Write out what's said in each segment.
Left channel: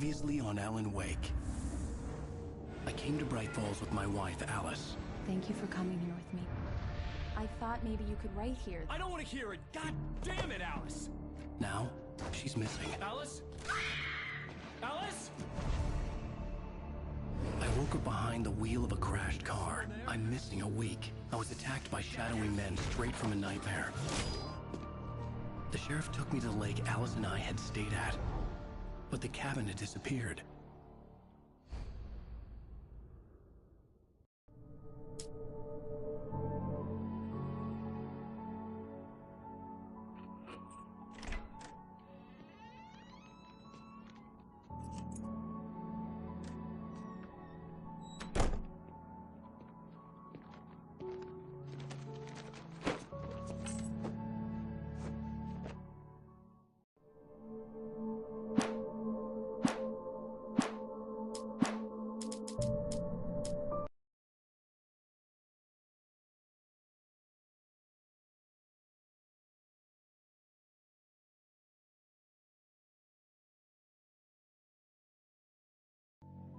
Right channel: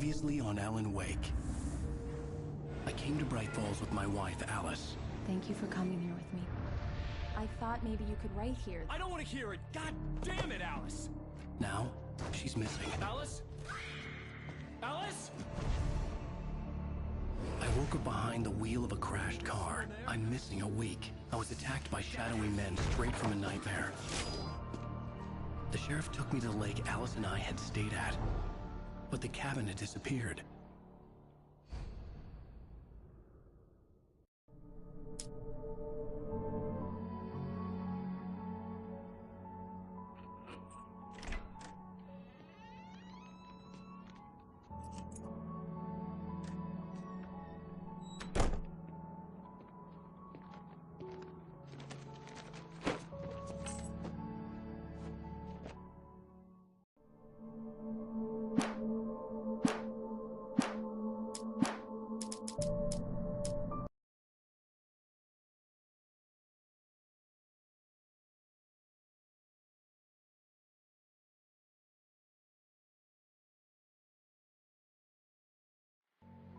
Previously on Alan Wake. I came to Bright Falls with my wife, Alice. Thank you for coming here with me. I thought maybe you could write here. I don't want to hear it! God damn it, Alice! Now, she's missing. Alice? Alice? I woke up behind the wheel of a crashed car. I'm missing a week. I was attacked by shadowy men straight from a nightmare. The sheriff took me to the lake Alice and I had stayed at, but the cabin had disappeared.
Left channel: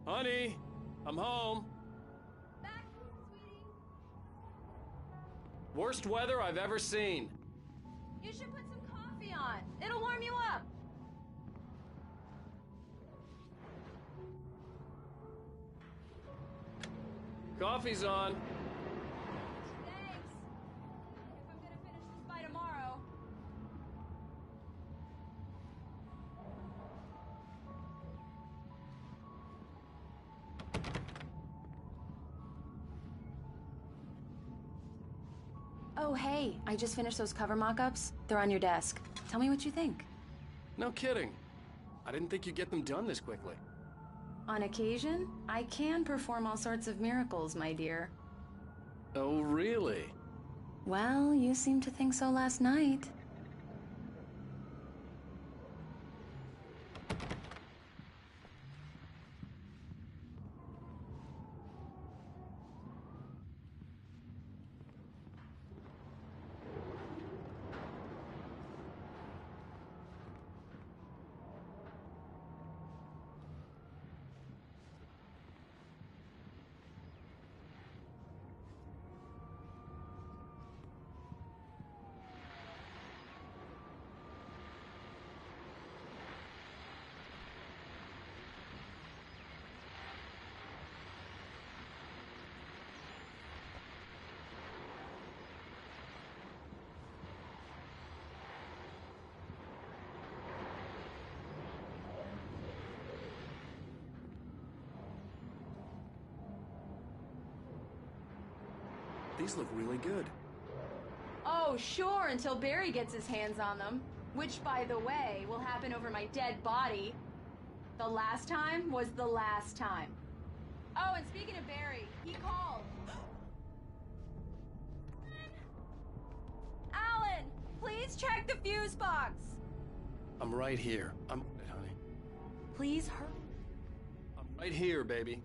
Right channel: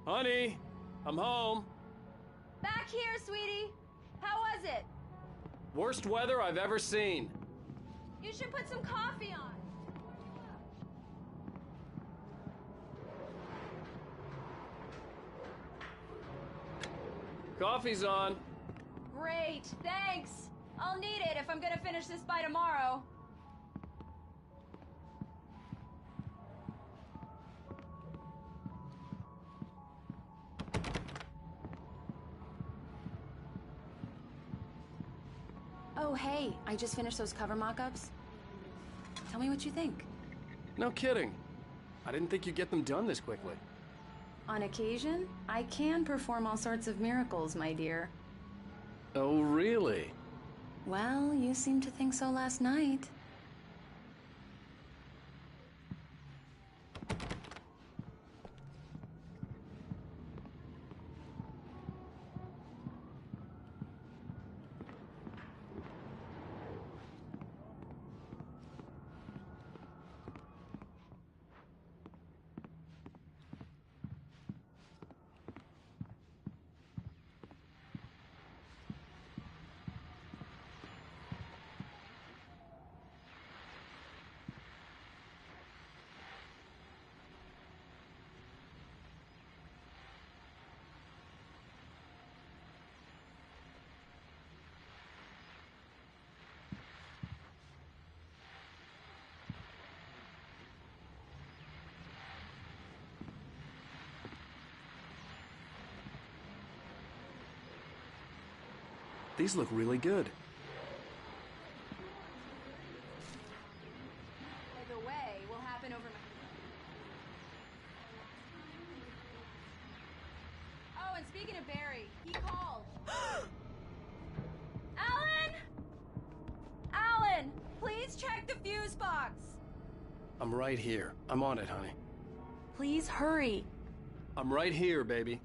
Honey, I'm home. Back here, sweetie. How was it? Worst weather I've ever seen. You should put some coffee on. It'll warm you up. Coffee's on. Great, thanks. I'll need it if I'm gonna finish this by tomorrow. Oh, hey, I just finished those cover mock-ups. They're on your desk. Tell me what you think. No kidding. I didn't think you'd get them done this quickly. On occasion, I can perform all sorts of miracles, my dear. Oh, really? Well, you seemed to think so last night. These look really good. Oh, sure, until Barry gets his hands on them. Which, by the way, will happen over my dead body. The last time was the last time. Oh, and speaking of Barry, he called. Alan! Alan! Please check the fuse box! I'm right here. I'm on it, honey. Please hurry. I'm right here, baby.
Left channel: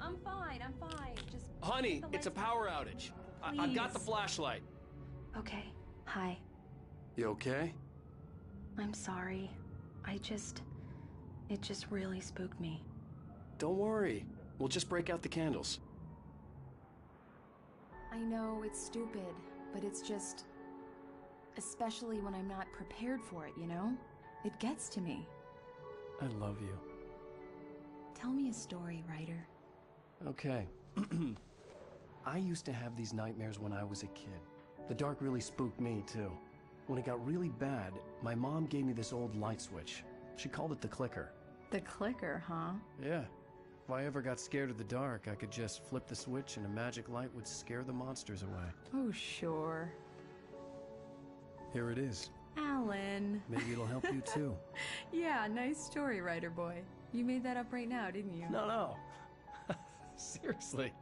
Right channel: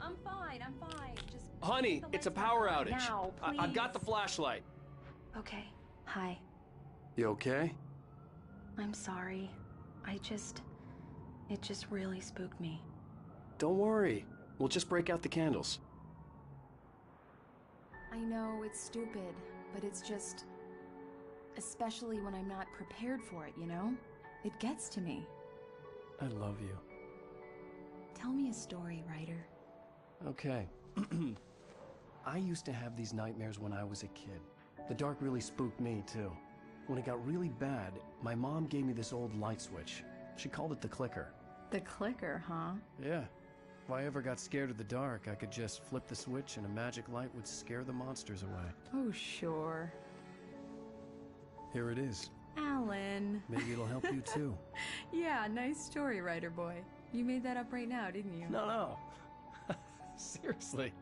I'm fine, I'm fine. Just... Honey, get the it's a lights power on outage. now, I've got the please. flashlight. Okay, hi. You okay? I'm sorry. It just really spooked me. Don't worry. We'll just break out the candles. I know it's stupid, but it's just... Especially when I'm not prepared for it, you know? It gets to me. I love you. Tell me a story, writer. Okay. I used to have these nightmares when I was a kid. The dark really spooked me, too. When it got really bad, my mom gave me this old light switch. She called it the clicker. The clicker, huh? Yeah. If I ever got scared of the dark, I could just flip the switch and a magic light would scare the monsters away. Oh, sure. Here it is. Alan. Maybe it'll help you, too. Yeah, nice story, writer boy. You made that up right now, didn't you? No. Seriously.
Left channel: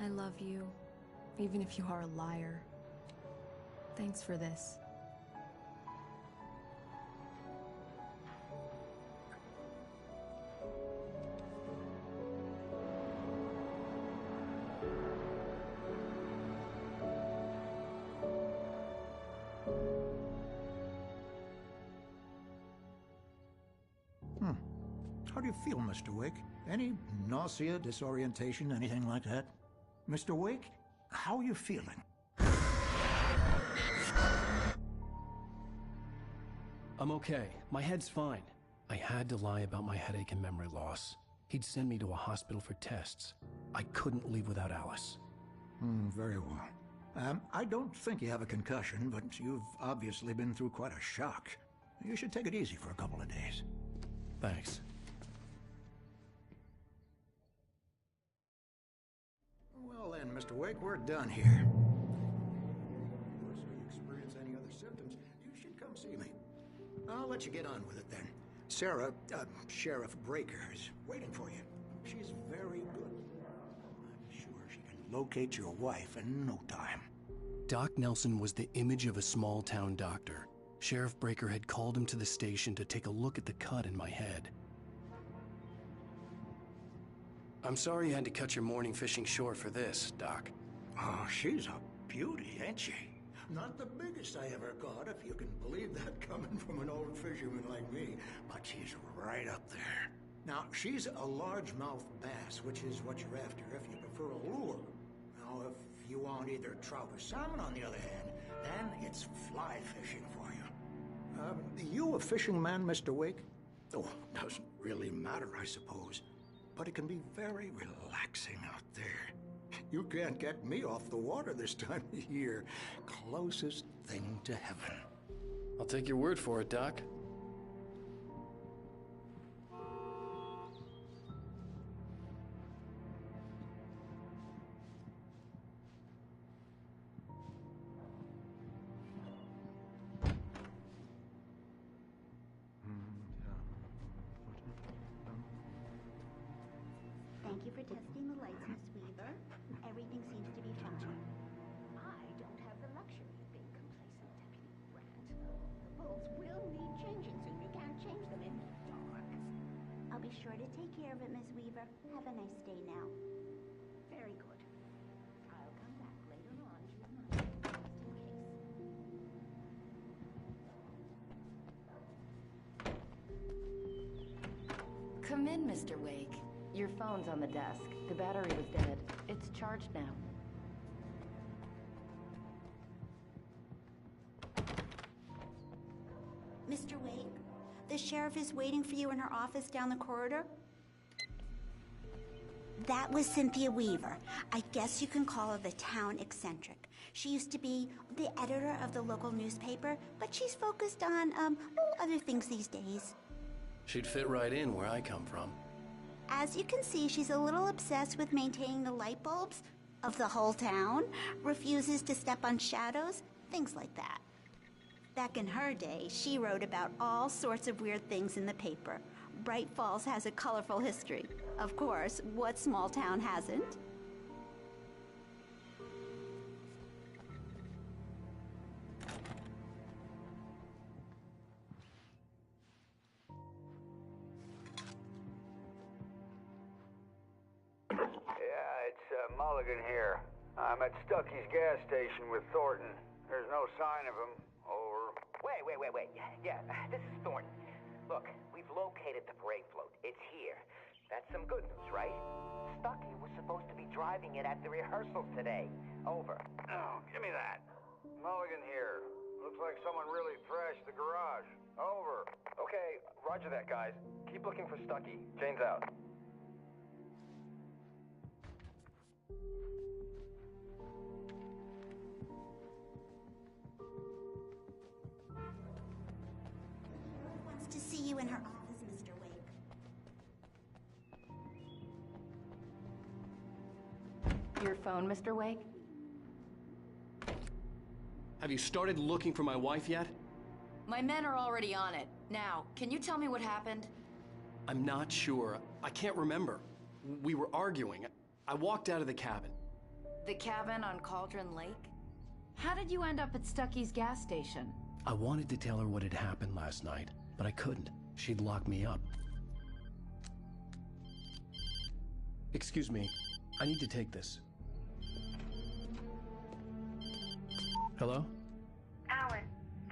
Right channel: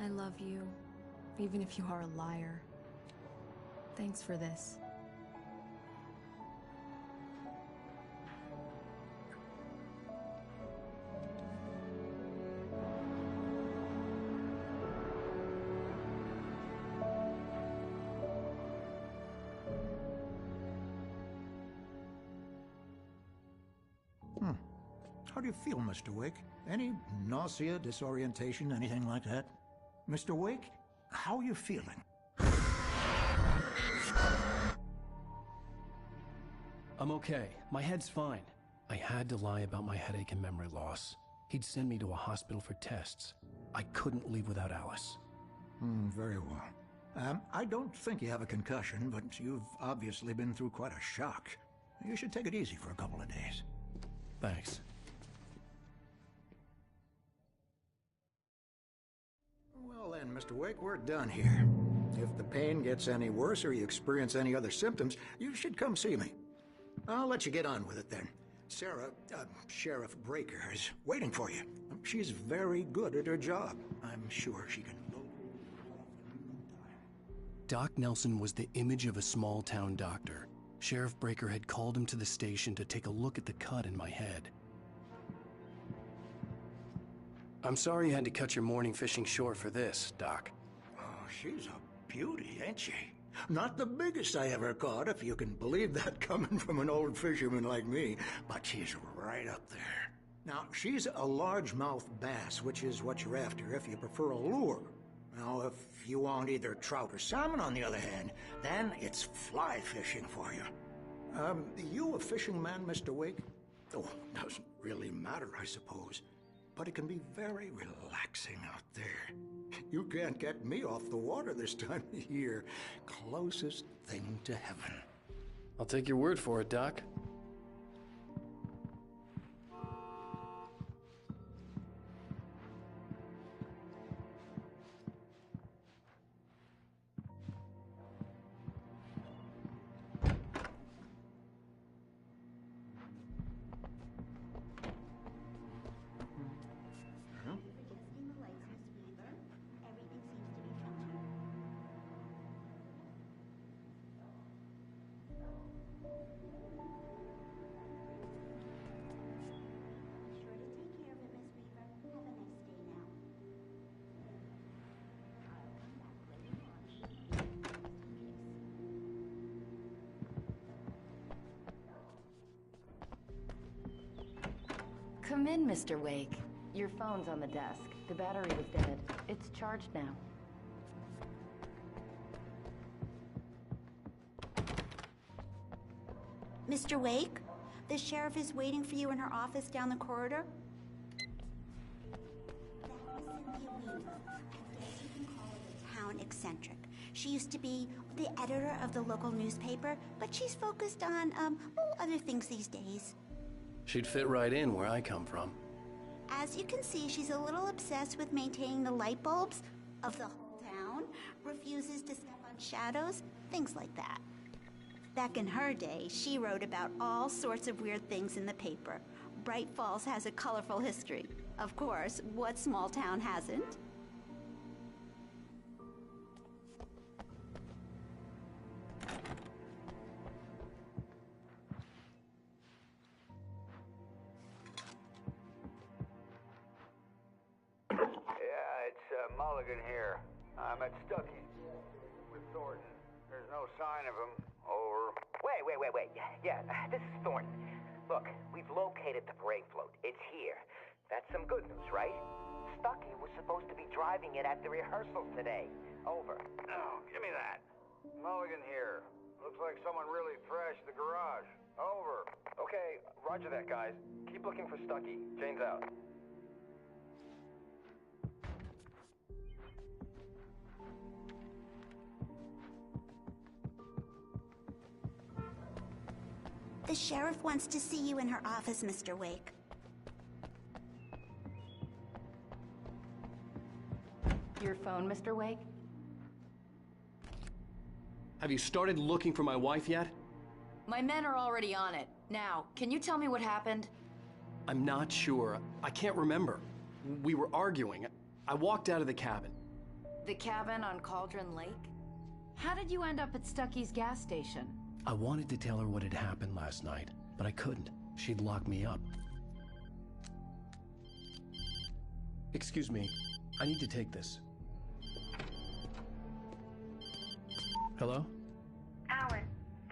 I love you, even if you are a liar. Thanks for this. How do you feel, Mr. Wake? Any nausea, disorientation, anything like that? Mr. Wake, how are you feeling? I'm okay. My head's fine. I had to lie about my headache and memory loss. He'd send me to a hospital for tests. I couldn't leave without Alice. Very well. I don't think you have a concussion, but you've obviously been through quite a shock. You should take it easy for a couple of days. Thanks. Well then, Mr. Wake, we're done here. If the pain gets any worse or you experience any other symptoms, you should come see me. I'll let you get on with it then. Sarah, Sheriff Breaker, is waiting for you. She's very good at her job. I'm sure she can locate your wife in no time. Doc Nelson was the image of a small-town doctor. Sheriff Breaker had called him to the station to take a look at the cut in my head. I'm sorry you had to cut your morning fishing short for this, Doc. Oh, she's a beauty, ain't she? Not the biggest I ever caught, if you can believe that coming from an old fisherman like me, but she's right up there. Now, she's a largemouth bass, which is what you're after if you prefer a lure. Now, if you want either trout or salmon, on the other hand, then it's fly fishing for you. You a fishing man, Mr. Wake? Oh, doesn't really matter, I suppose. But it can be very relaxing out there. You can't get me off the water this time of year. Closest thing to heaven. I'll take your word for it, Doc. Thank you for testing the lights, Miss Weaver. Everything seems to be fine. I don't have the luxury of being complacent. Rules will need changing soon. You can't change them in tomorrow. I'll be sure to take care of it, Miss Weaver. Have a nice day now. Very good. I'll come back later on just in case. Come in, Mr. Wake. Your phone's on the desk. The battery was dead. It's charged now. Mr. Wake, the sheriff is waiting for you in her office down the corridor. That was Cynthia Weaver. I guess you can call her the town eccentric. She used to be the editor of the local newspaper, but she's focused on, other things these days. She'd fit right in where I come from. As you can see, she's a little obsessed with maintaining the light bulbs of the whole town, refuses to step on shadows, things like that. Back in her day, she wrote about all sorts of weird things in the paper. Bright Falls has a colorful history. Of course, what small town hasn't? Yeah, it's Mulligan here. I'm at Stucky's gas station with Thornton. There's no sign of him. Over. Wait. Yeah, this is Thornton. Look, we've located the parade float. It's here. That's some good news, right? Stucky was supposed to be driving it at the rehearsals today. Over. Oh, give me that. Mulligan here. Looks like someone really thrashed the garage. Over. Okay, roger that, guys. Keep looking for Stucky. Jane's out. The sheriff wants to see you in her office, Mr. Wake. Your phone, Mr. Wake? Have you started looking for my wife yet? My men are already on it. Now, can you tell me what happened? I'm not sure. I can't remember. We were arguing. I walked out of the cabin. The cabin on Cauldron Lake? How did you end up at Stucky's gas station? I wanted to tell her what had happened last night, but I couldn't. She'd lock me up. Excuse me. I need to take this. Hello? Alan,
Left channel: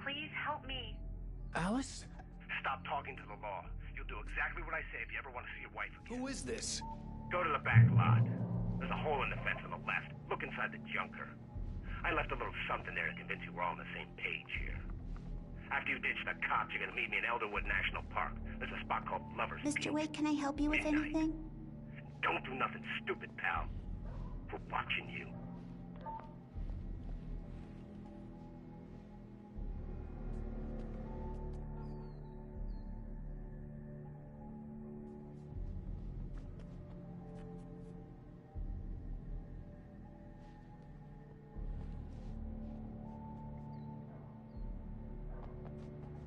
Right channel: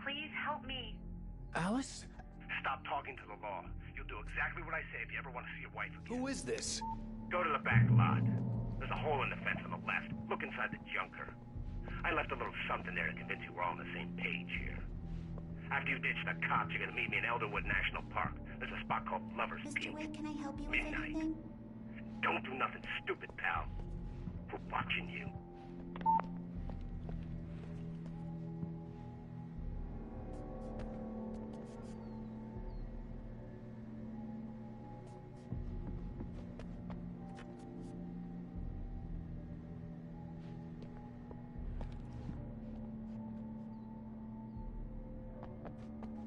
please help me. Alice? Stop talking to the law. You you'll do exactly what I say if you ever want to see your wife again. Who is this? Go to the back lot. There's a hole in the fence on the left. Look inside the junker. I left a little something there to convince you we're all on the same page here. After you ditch the cops, you're gonna meet me in Elderwood National Park. There's a spot called Lover's Mr. Peak. Wake, can I help you with Midnight. anything? Don't do nothing stupid, pal. We're watching you.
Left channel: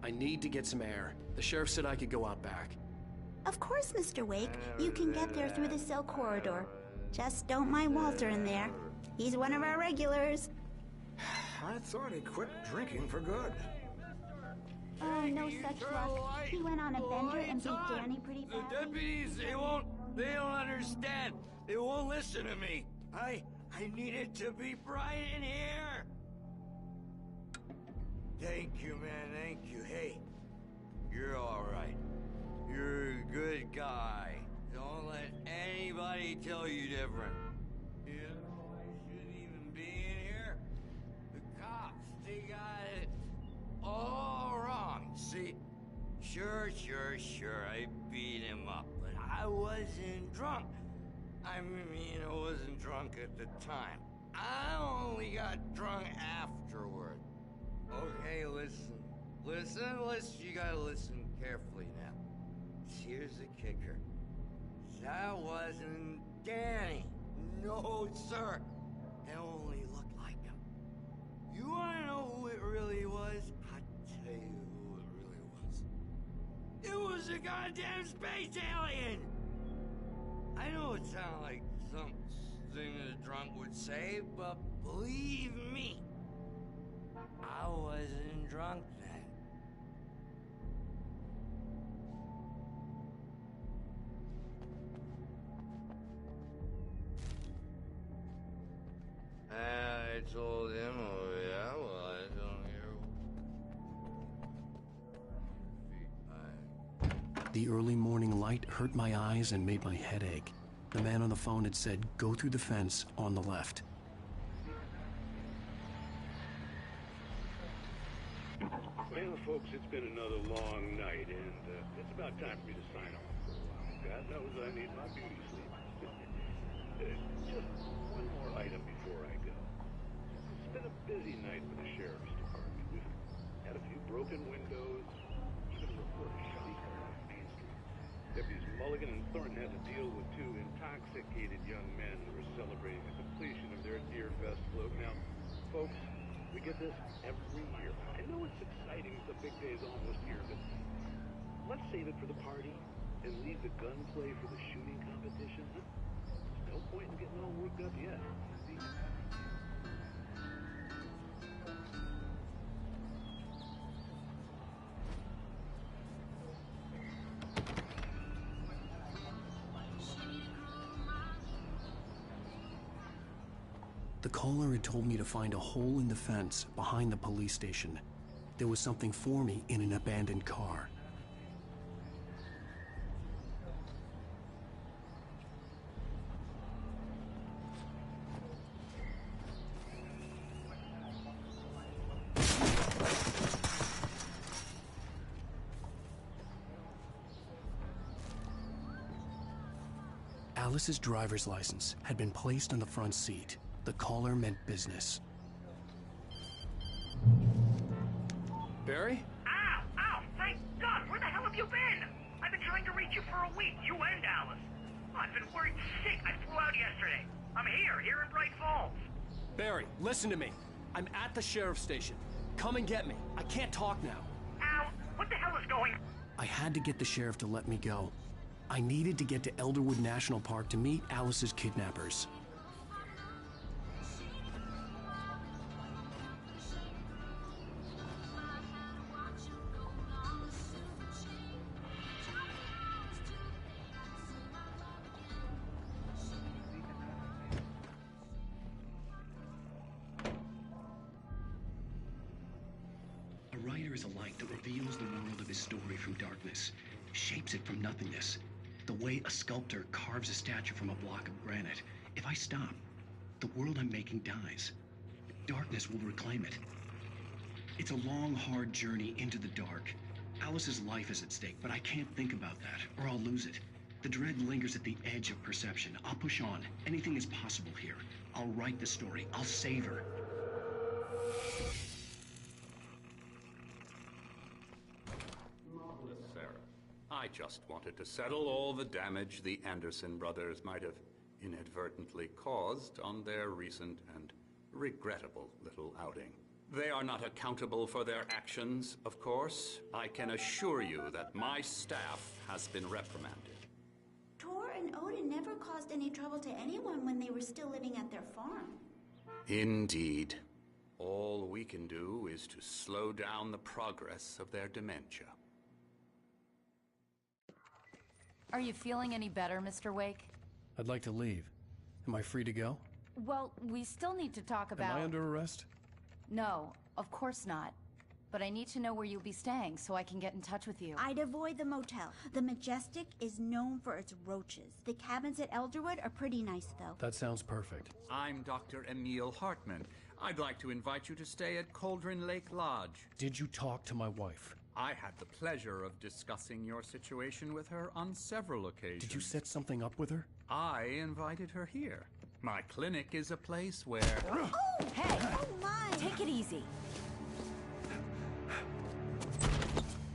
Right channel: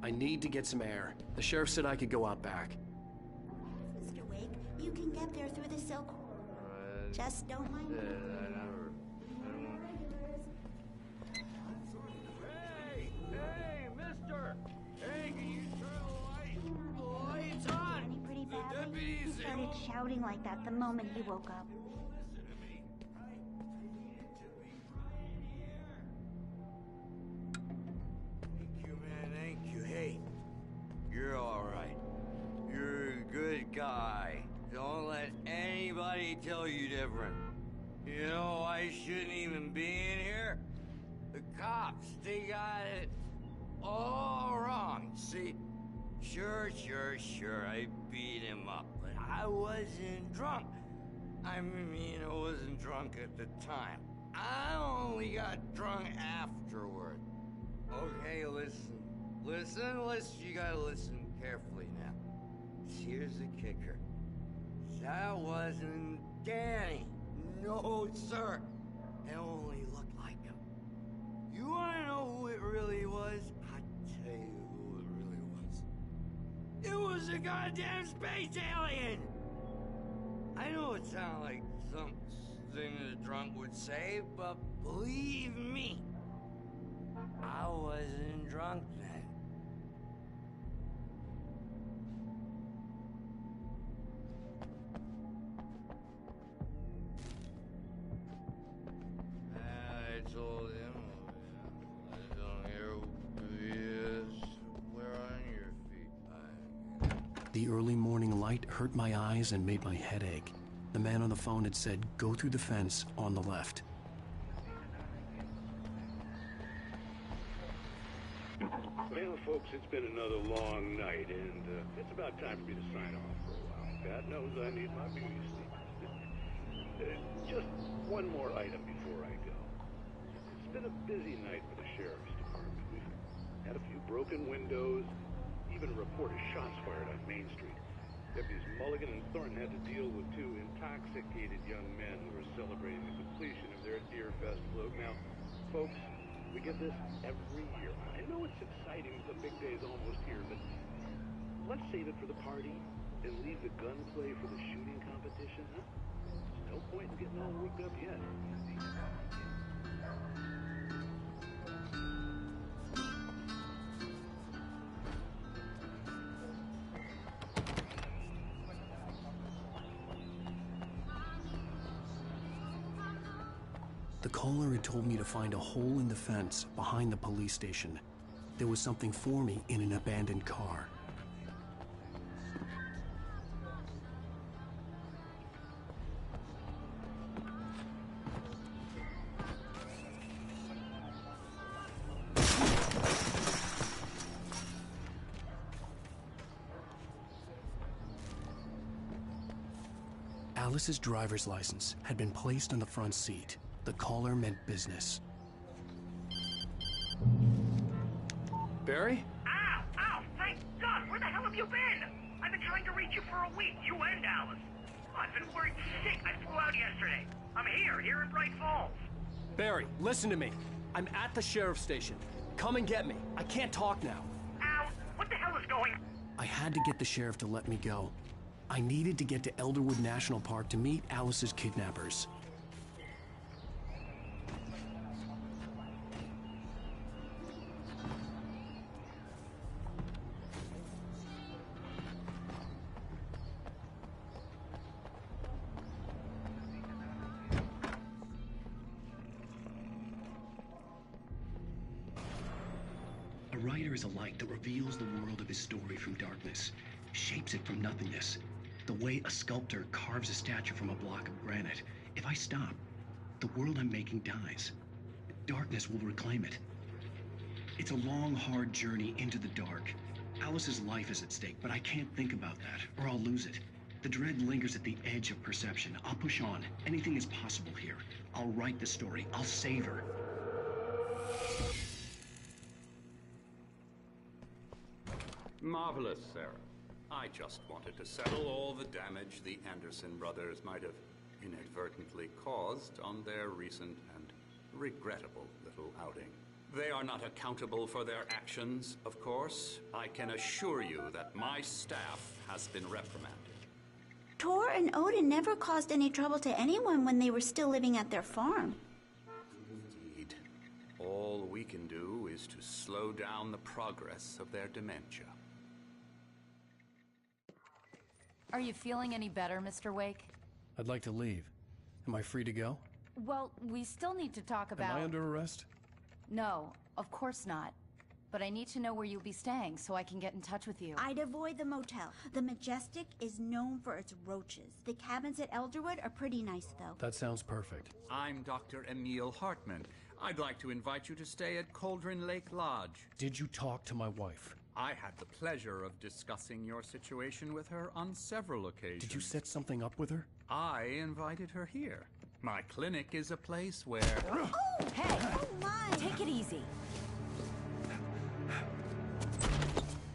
I need to get some air. The sheriff said I could go out back. Of course, Mr. Wake. You can get there through the cell corridor. Just don't mind Walter in there. He's one of our regulars. I thought he quit drinking for good. Hey, mister! No such luck. He went on a bender and beat Danny pretty badly. The deputies, He they started won't shouting like that the moment he understand. woke up. They won't listen to me. I need it to be bright in here. Thank you, man, thank you. Hey, you're all right. You're a good guy. Don't let anybody tell you different. You know, I shouldn't even be in here. The cops, they got it all wrong. See, sure, I beat him up, but I wasn't drunk. I mean, I wasn't drunk at the time. I only got drunk afterward. Okay, listen. You gotta listen carefully now. Here's the kicker. That wasn't Danny. No, sir. It only looked like him. You wanna know who it really was? I'll tell you who it really was. It was a goddamn space alien! I know it sounds like something a drunk would say, but believe me, I wasn't drunk then. I told him, oh yeah, well I don't hear who he is. Where on your feet? The early morning light hurt my eyes and made my head ache. The man on the phone had said, go through the fence on the left. Well, folks, it's been another long night, and it's about time for me to sign off for a while. God knows I need my beauty sleep. Just one more item before I go. It's been a busy night for the sheriff's department. We've had a few broken windows, even a report of shots fired on Main Street. Deputies Mulligan and Thornton had to deal with two intoxicated young men who were celebrating the completion of their Deerfest float. Now, folks, we get this every year. I know it's exciting, the big day's almost here, but let's save it for the party and leave the gunplay for the shooting competition, huh? There's no point in getting all worked up yet. The caller had told me to find a hole in the fence behind the police station. There was something for me in an abandoned car. Alice's driver's license had been placed on the front seat. The caller meant business. Barry? Ow! Thank God! Where the hell have you been? I've been trying to reach you for a week, you and Alice. Oh, I've been worried sick. I flew out yesterday. I'm here in Bright Falls. Barry, listen to me. I'm at the sheriff's station. Come and get me. I can't talk now. Ow! What the hell is going on? I had to get the sheriff to let me go. I needed to get to Elderwood National Park to meet Alice's kidnappers. A writer is a light that reveals the world of his story from darkness. shapes it from nothingness. The way a sculptor carves a statue from a block of granite. If I stop, the world I'm making dies. Darkness will reclaim it. It's a long, hard journey into the dark. Alice's life is at stake, but I can't think about that, or I'll lose it. The dread lingers at the edge of perception. I'll push on. Anything is possible here. I'll write the story. I'll save her. Marvelous, Sarah. I just wanted to settle all the damage the Anderson brothers might have inadvertently caused on their recent and regrettable little outing. They are not accountable for their actions, of course. I can assure you that my staff has been reprimanded. Tor and Odin never caused any trouble to anyone when they were still living at their farm. Indeed. All we can do is to slow down the progress of their dementia. Are you feeling any better, Mr. Wake? I'd like to leave. Am I free to go? Well, we still need to talk about... Am I under arrest? No, of course not. But I need to know where you'll be staying so I can get in touch with you. I'd avoid the motel. The Majestic is known for its roaches. The cabins at Elderwood are pretty nice, though. That sounds perfect. I'm Dr. Emil Hartman. I'd like to invite you to stay at Cauldron Lake Lodge. Did you talk to my wife? I had the pleasure of discussing your situation with her on several occasions. Did you set something up with her? I invited her here. My clinic is a place where... Oh! Hey! Oh, my! Take it easy.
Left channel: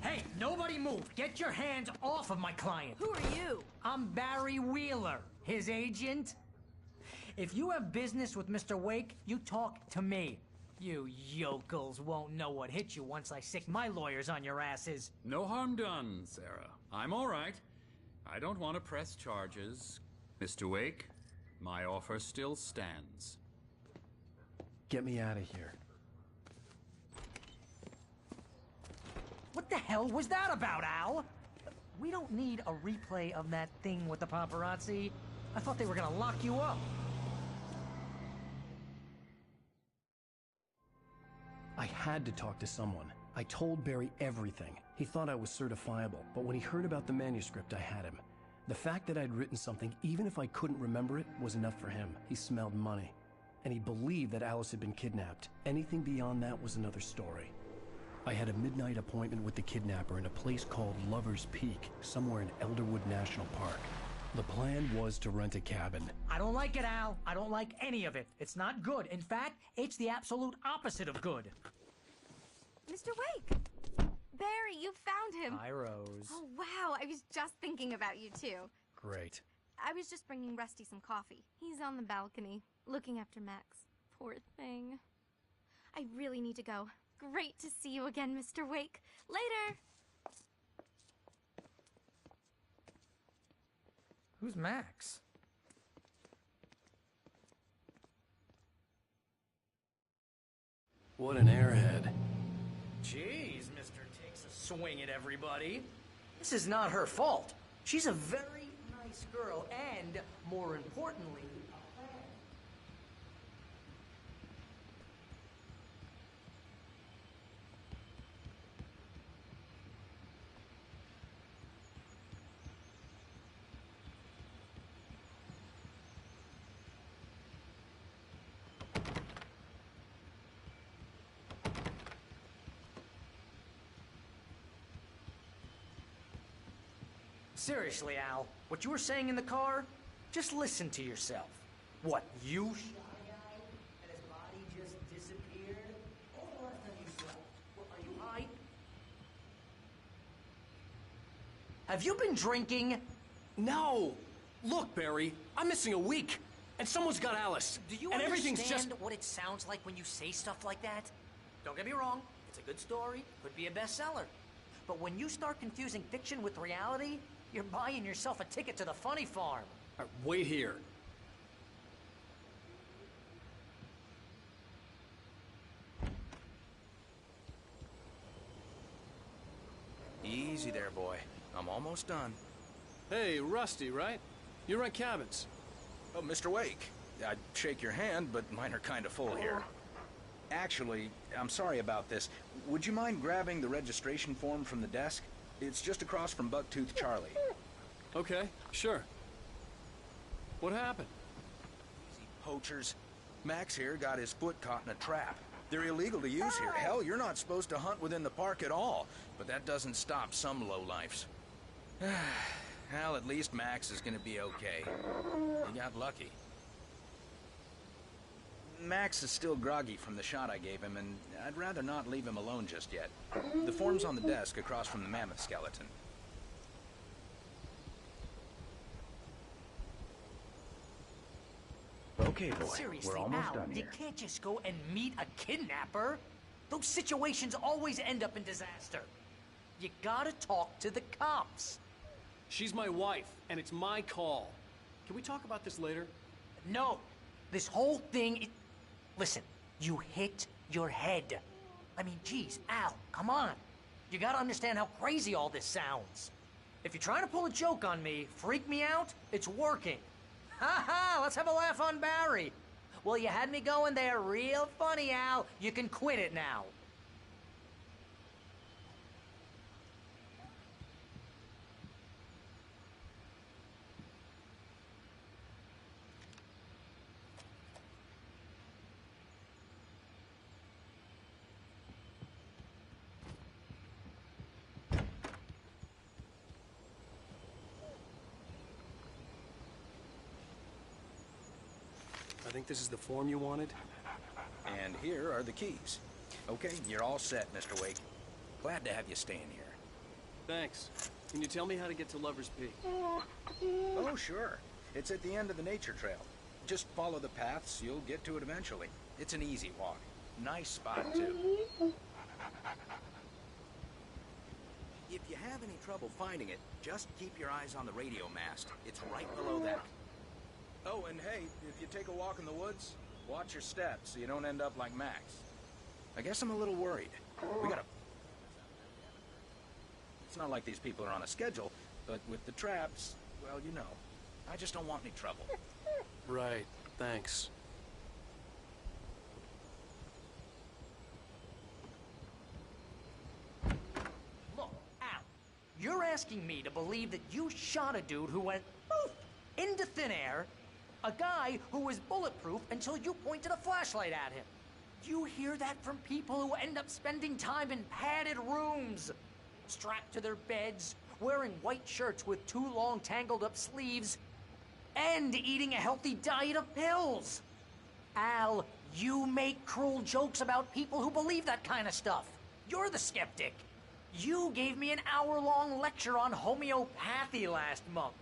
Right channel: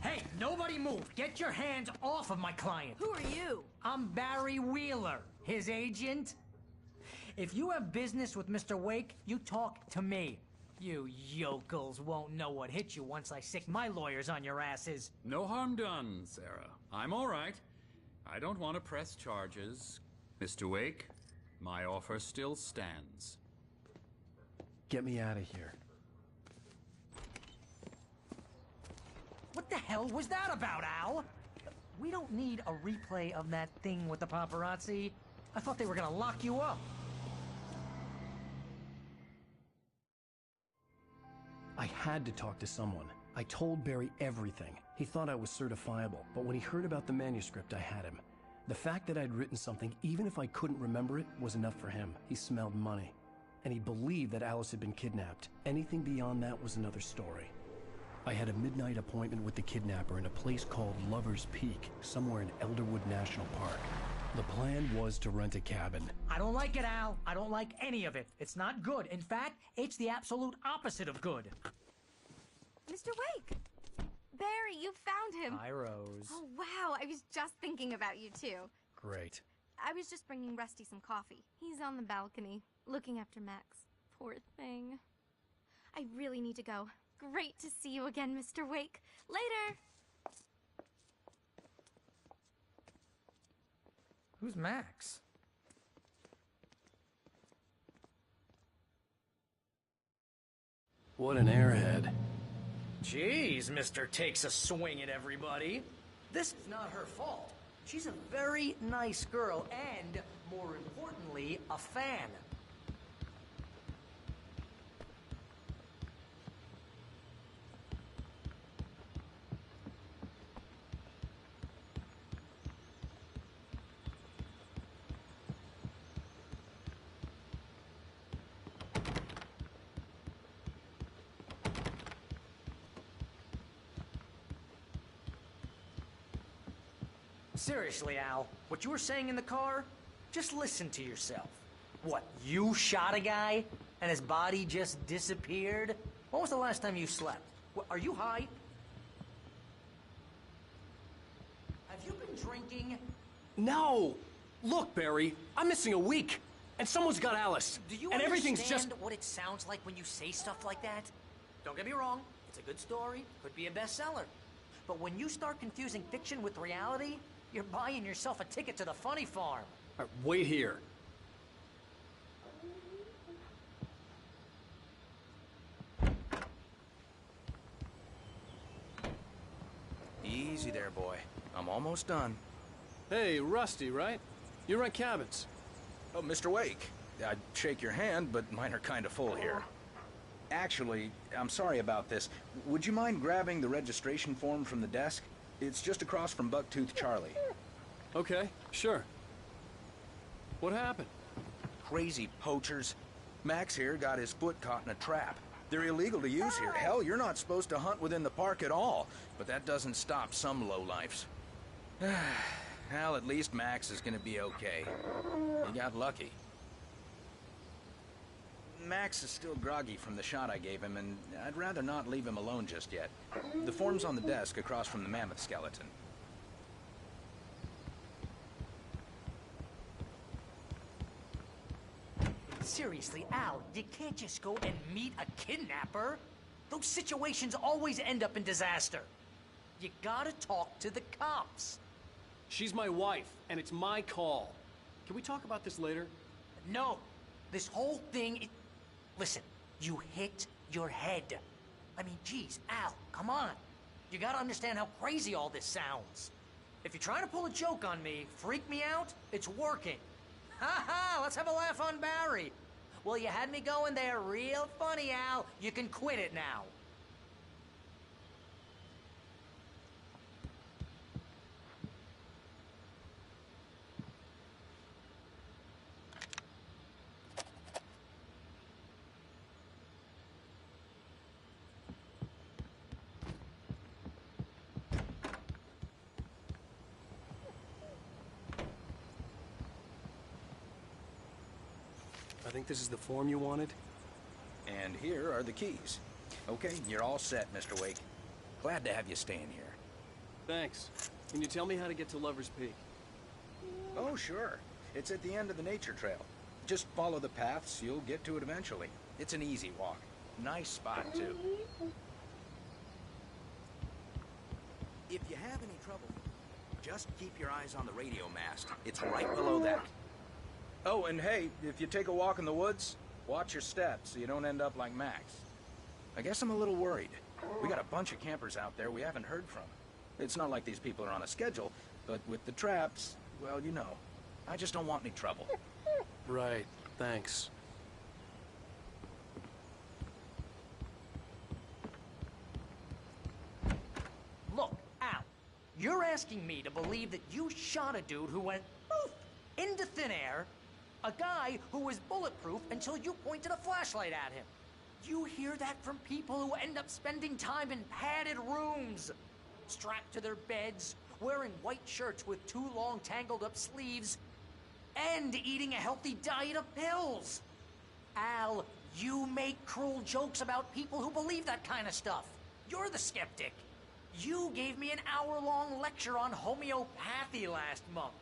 Hey, nobody move! Get your hands off of my client! Who are you? I'm Barry Wheeler, his agent. If you have business with Mr. Wake, you talk to me. You yokels won't know what hit you once I sick my lawyers on your asses. No harm done, Sarah. I'm all right. I don't want to press charges. Mr. Wake, my offer still stands. Get me out of here. What the hell was that about, Al? We don't need a replay of that thing with the paparazzi. I thought they were gonna lock you up. I had to talk to someone. I told Barry everything. He thought I was certifiable, but when he heard about the manuscript, I had him. The fact that I'd written something, even if I couldn't remember it, was enough for him. He smelled money. And he believed that Alice had been kidnapped. Anything beyond that was another story. I had a midnight appointment with the kidnapper in a place called Lover's Peak, somewhere in Elderwood National Park. The plan was to rent a cabin. I don't like it, Al. I don't like any of it. It's not good. In fact, it's the absolute opposite of good. Mr. Wake! Barry, you found him! Hi, Rose. Oh, wow. I was just thinking about you, too. Great. I was just bringing Rusty some coffee. He's on the balcony, looking after Max. Poor thing. I really need to go. Great to see you again, Mr. Wake. Later! Who's Max? What an airhead. Jeez, Mr. Takes a swing at everybody. This is not her fault. She's a very nice girl and, more importantly, a fan. Seriously, Al, what you were saying in the car, just listen to yourself. What, you shot a guy and his body just disappeared? When was the last time you slept? What, are you high? Have you been drinking? No! Look, Barry, I'm missing a week, and someone's got Alice. Do you and everything's understand just... what it sounds like when you say stuff like that? Don't get me wrong, it's a good story, could be a bestseller. But when you start confusing fiction with reality, you're buying yourself a ticket to the funny farm. All right, wait here. Easy there, boy. I'm almost done. Hey, Rusty, right? You rent cabins. Oh, Mr. Wake. I'd shake your hand, but mine are kind of full here. Actually, I'm sorry about this. Would you mind grabbing the registration form from the desk? It's just across from Bucktooth Charlie. Okay, sure. What happened? Crazy poachers. Max here got his foot caught in a trap. They're illegal to use here. Hell, you're not supposed to hunt within the park at all. But that doesn't stop some lowlifes. Well, at least Max is gonna be okay. He got lucky. Max is still groggy from the shot I gave him, and I'd rather not leave him alone just yet. The form's on the desk across from the mammoth skeleton. Okay, boy. Seriously, Al, you can't just go and meet a kidnapper. Those situations always end up in disaster. You gotta talk to the cops. She's my wife, and it's my call. Can we talk about this later? No. This whole thing... Listen, you hit your head. I mean, geez, Al, come on. You gotta understand how crazy all this sounds. If you're trying to pull a joke on me, freak me out, it's working. Ha ha, let's have a laugh on Barry. Well, you had me going there real funny, Al. You can quit it now. I think this is the form you wanted. And here are the keys. Okay, you're all set, Mr. Wake. Glad to have you staying here. Thanks. Can you tell me how to get to Lover's Peak? Oh, sure. It's at the end of the nature trail. Just follow the paths, you'll get to it eventually. It's an easy walk. Nice spot, too. If you have any trouble finding it, just keep your eyes on the radio mast. It's right below that. Oh, and hey, if you take a walk in the woods, watch your steps so you don't end up like Max. I guess I'm a little worried. We got a bunch of campers out there we haven't heard from. It's not like these people are on a schedule, but with the traps, well, you know. I just don't want any trouble. Right, thanks. Look, Al, you're asking me to believe that you shot a dude who went poof into thin air, a guy who was bulletproof until you pointed a flashlight at him. You hear that from people who end up spending time in padded rooms, strapped to their beds, wearing white shirts with too long tangled up sleeves, and eating a healthy diet of pills. Al, you make cruel jokes about people who believe that kind of stuff. You're the skeptic. You gave me an hour-long lecture on homeopathy last month.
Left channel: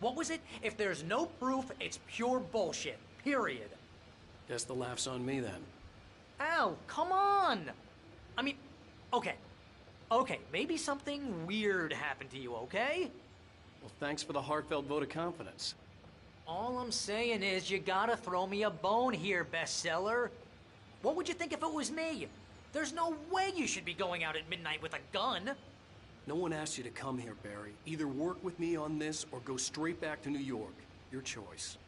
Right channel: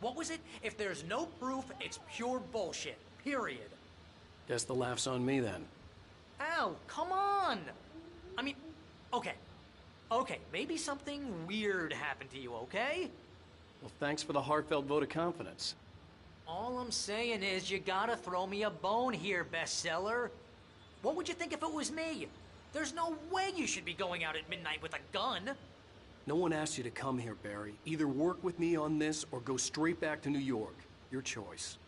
What was it? If there's no proof, it's pure bullshit. Period. Guess the laugh's on me then. Al, come on! I mean, okay. Okay, maybe something weird happened to you, okay? Well, thanks for the heartfelt vote of confidence. All I'm saying is you gotta throw me a bone here, bestseller. What would you think if it was me? There's no way you should be going out at midnight with a gun. No one asked you to come here, Barry. Either work with me on this or go straight back to New York. Your choice.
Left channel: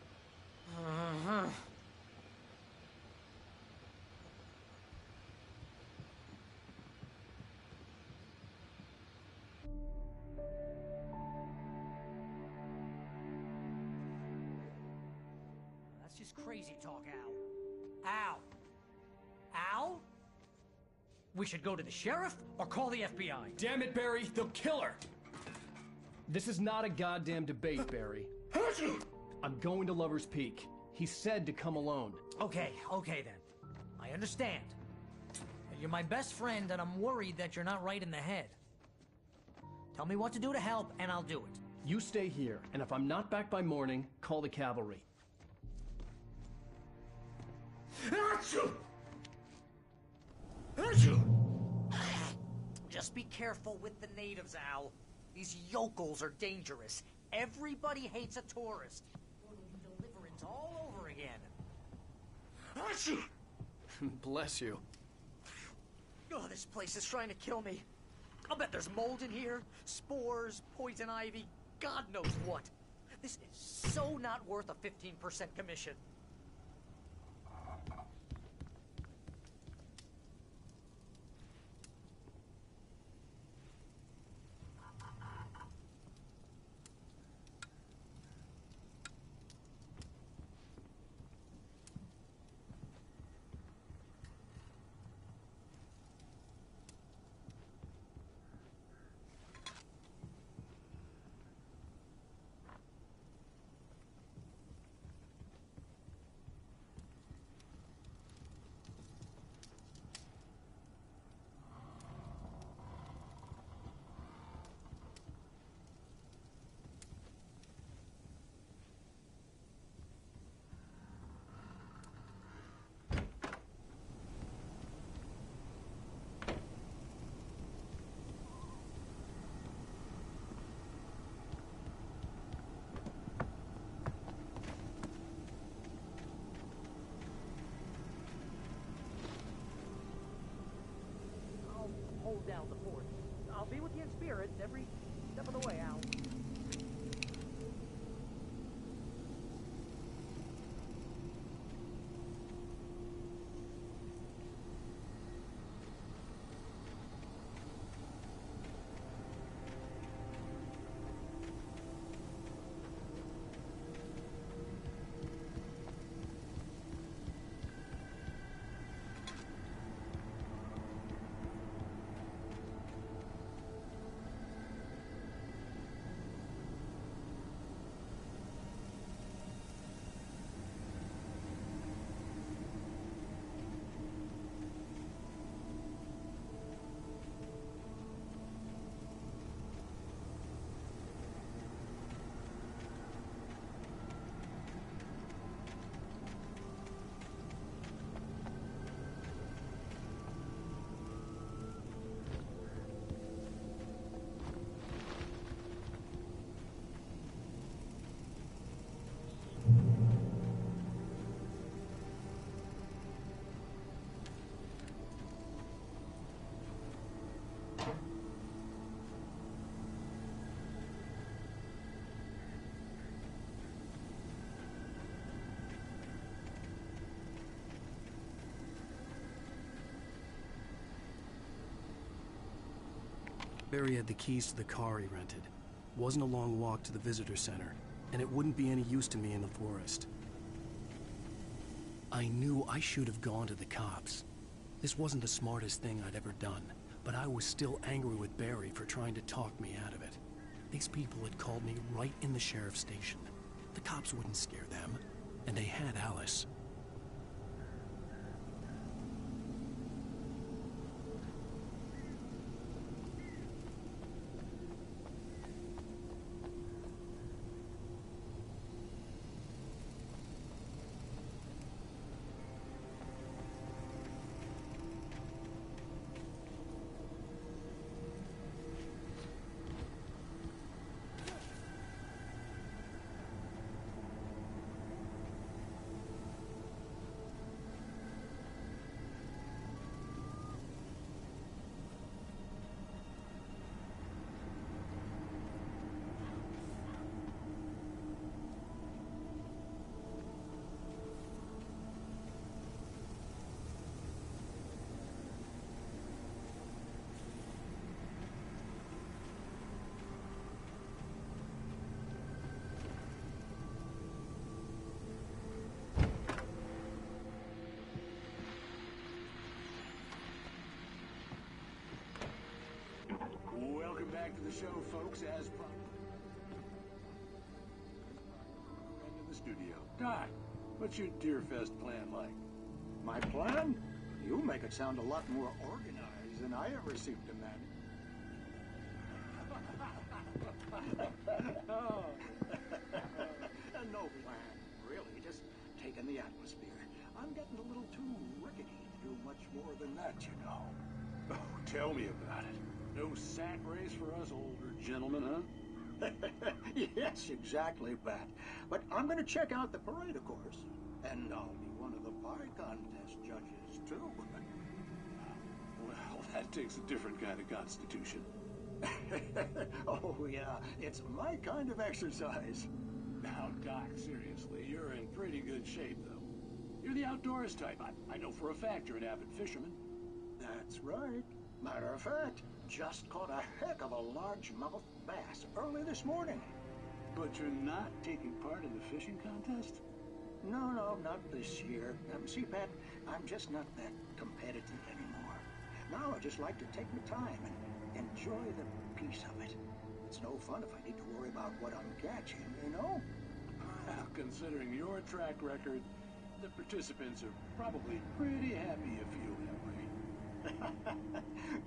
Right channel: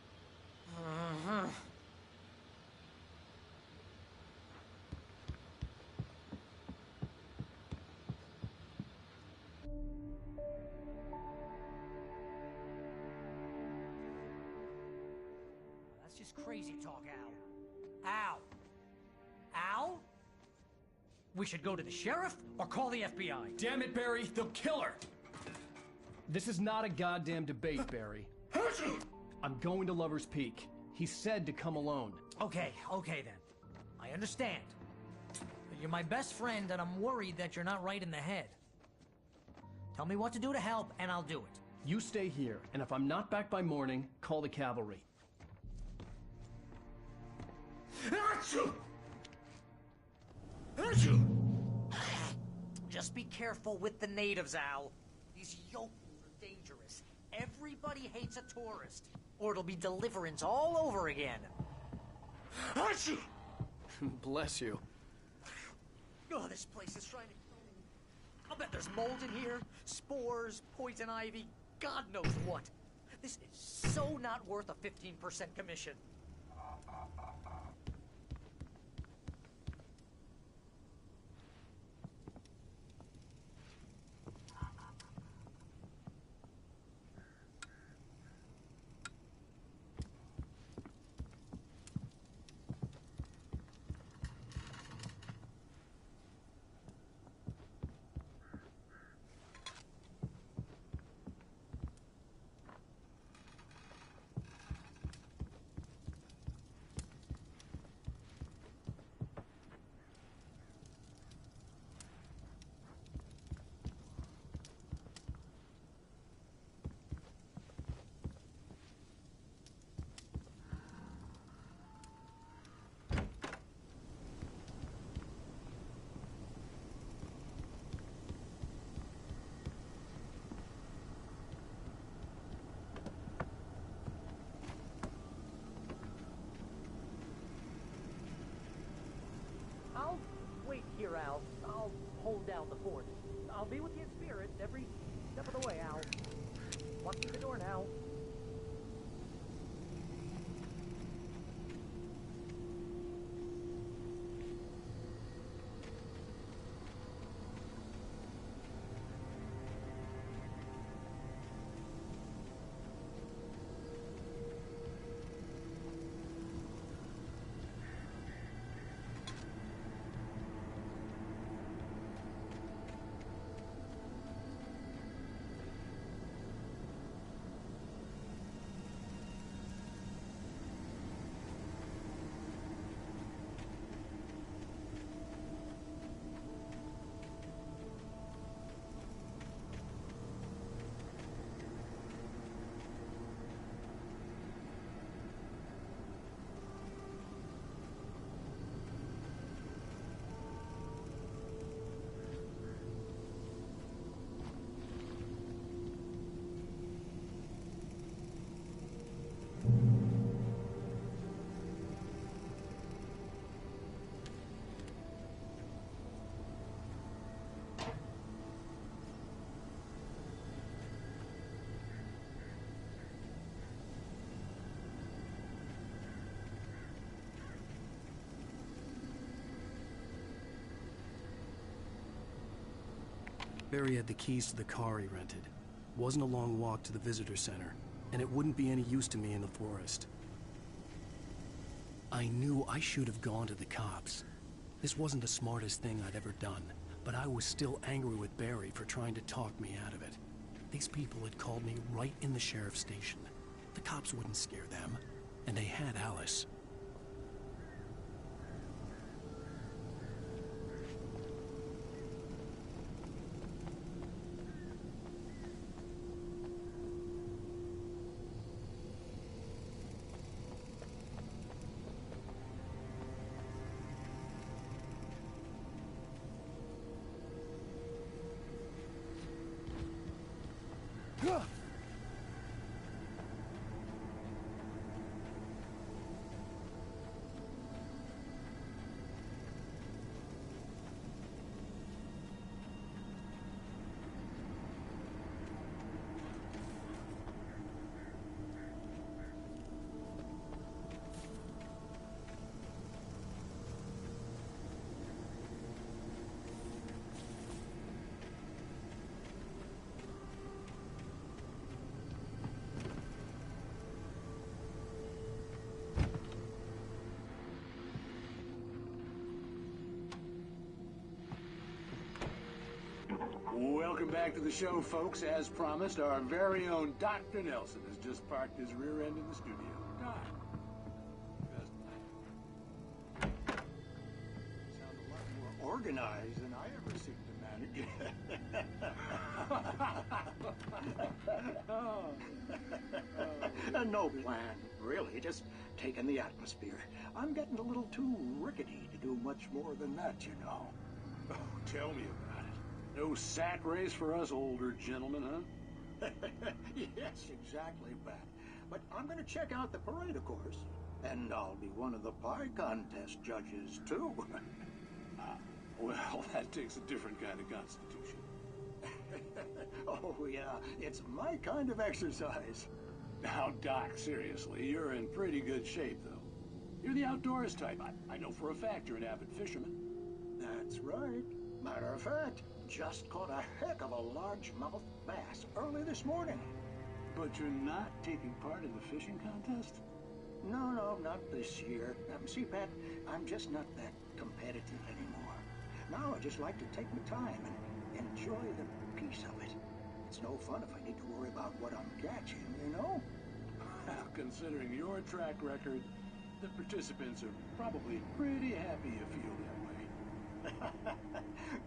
That's just crazy talk, Al. Al? Al? We should go to the sheriff or call the FBI. Damn it, Barry, they'll kill her! This is not a goddamn debate, Barry. I'm going to Lover's Peak. He said to come alone. Okay then. I understand. You're my best friend and I'm worried that you're not right in the head. Tell me what to do to help and I'll do it. You stay here, and if I'm not back by morning, call the cavalry. Just be careful with the natives, Al. These yokels are dangerous. Everybody hates a tourist, or it'll be deliverance all over again. Bless you. Oh, this place is trying to kill me. I'll bet there's mold in here, spores, poison ivy, God knows what. This is so not worth a 15% commission. hold down the fort. I'll be with you in spirit every step of the way, Al. Walk through the door now. Barry had the keys to the car he rented. Wasn't a long walk to the visitor center, and it wouldn't be any use to me in the forest. I knew I should have gone to the cops. This wasn't the smartest thing I'd ever done, but I was still angry with Barry for trying to talk me out of it. These people had called me right in the sheriff's station. The cops wouldn't scare them, and they had Alice. Welcome back to the show, folks. As promised, our very own Dr. Nelson has just parked his rear end in the studio. Doc, what's your Deerfest plan like? My plan? You make it sound a lot more organized than I ever seem to manage. No plan, really. Just taking the atmosphere. I'm getting a little too rickety to do much more than that, you know. Oh, tell me about it. No sack race for us older gentlemen, huh? Yes, exactly, Pat. But I'm going to check out the parade, of course. And I'll be one of the pie contest judges, too. Well, that takes a different kind of constitution. Oh, yeah. It's my kind of exercise. Now, Doc, seriously, you're in pretty good shape, though. You're the outdoors type. I know for a fact you're an avid fisherman. That's right. Matter of fact, just caught a heck of a largemouth bass early this morning. But you're not taking part in the fishing contest? No, not this year. See, Pat, I'm just not that competitive anymore. Now I just like to take my time and enjoy the peace of it. It's no fun if I need to worry about what I'm catching, you know? Well, considering your track record, the participants are probably pretty happy you feel that way.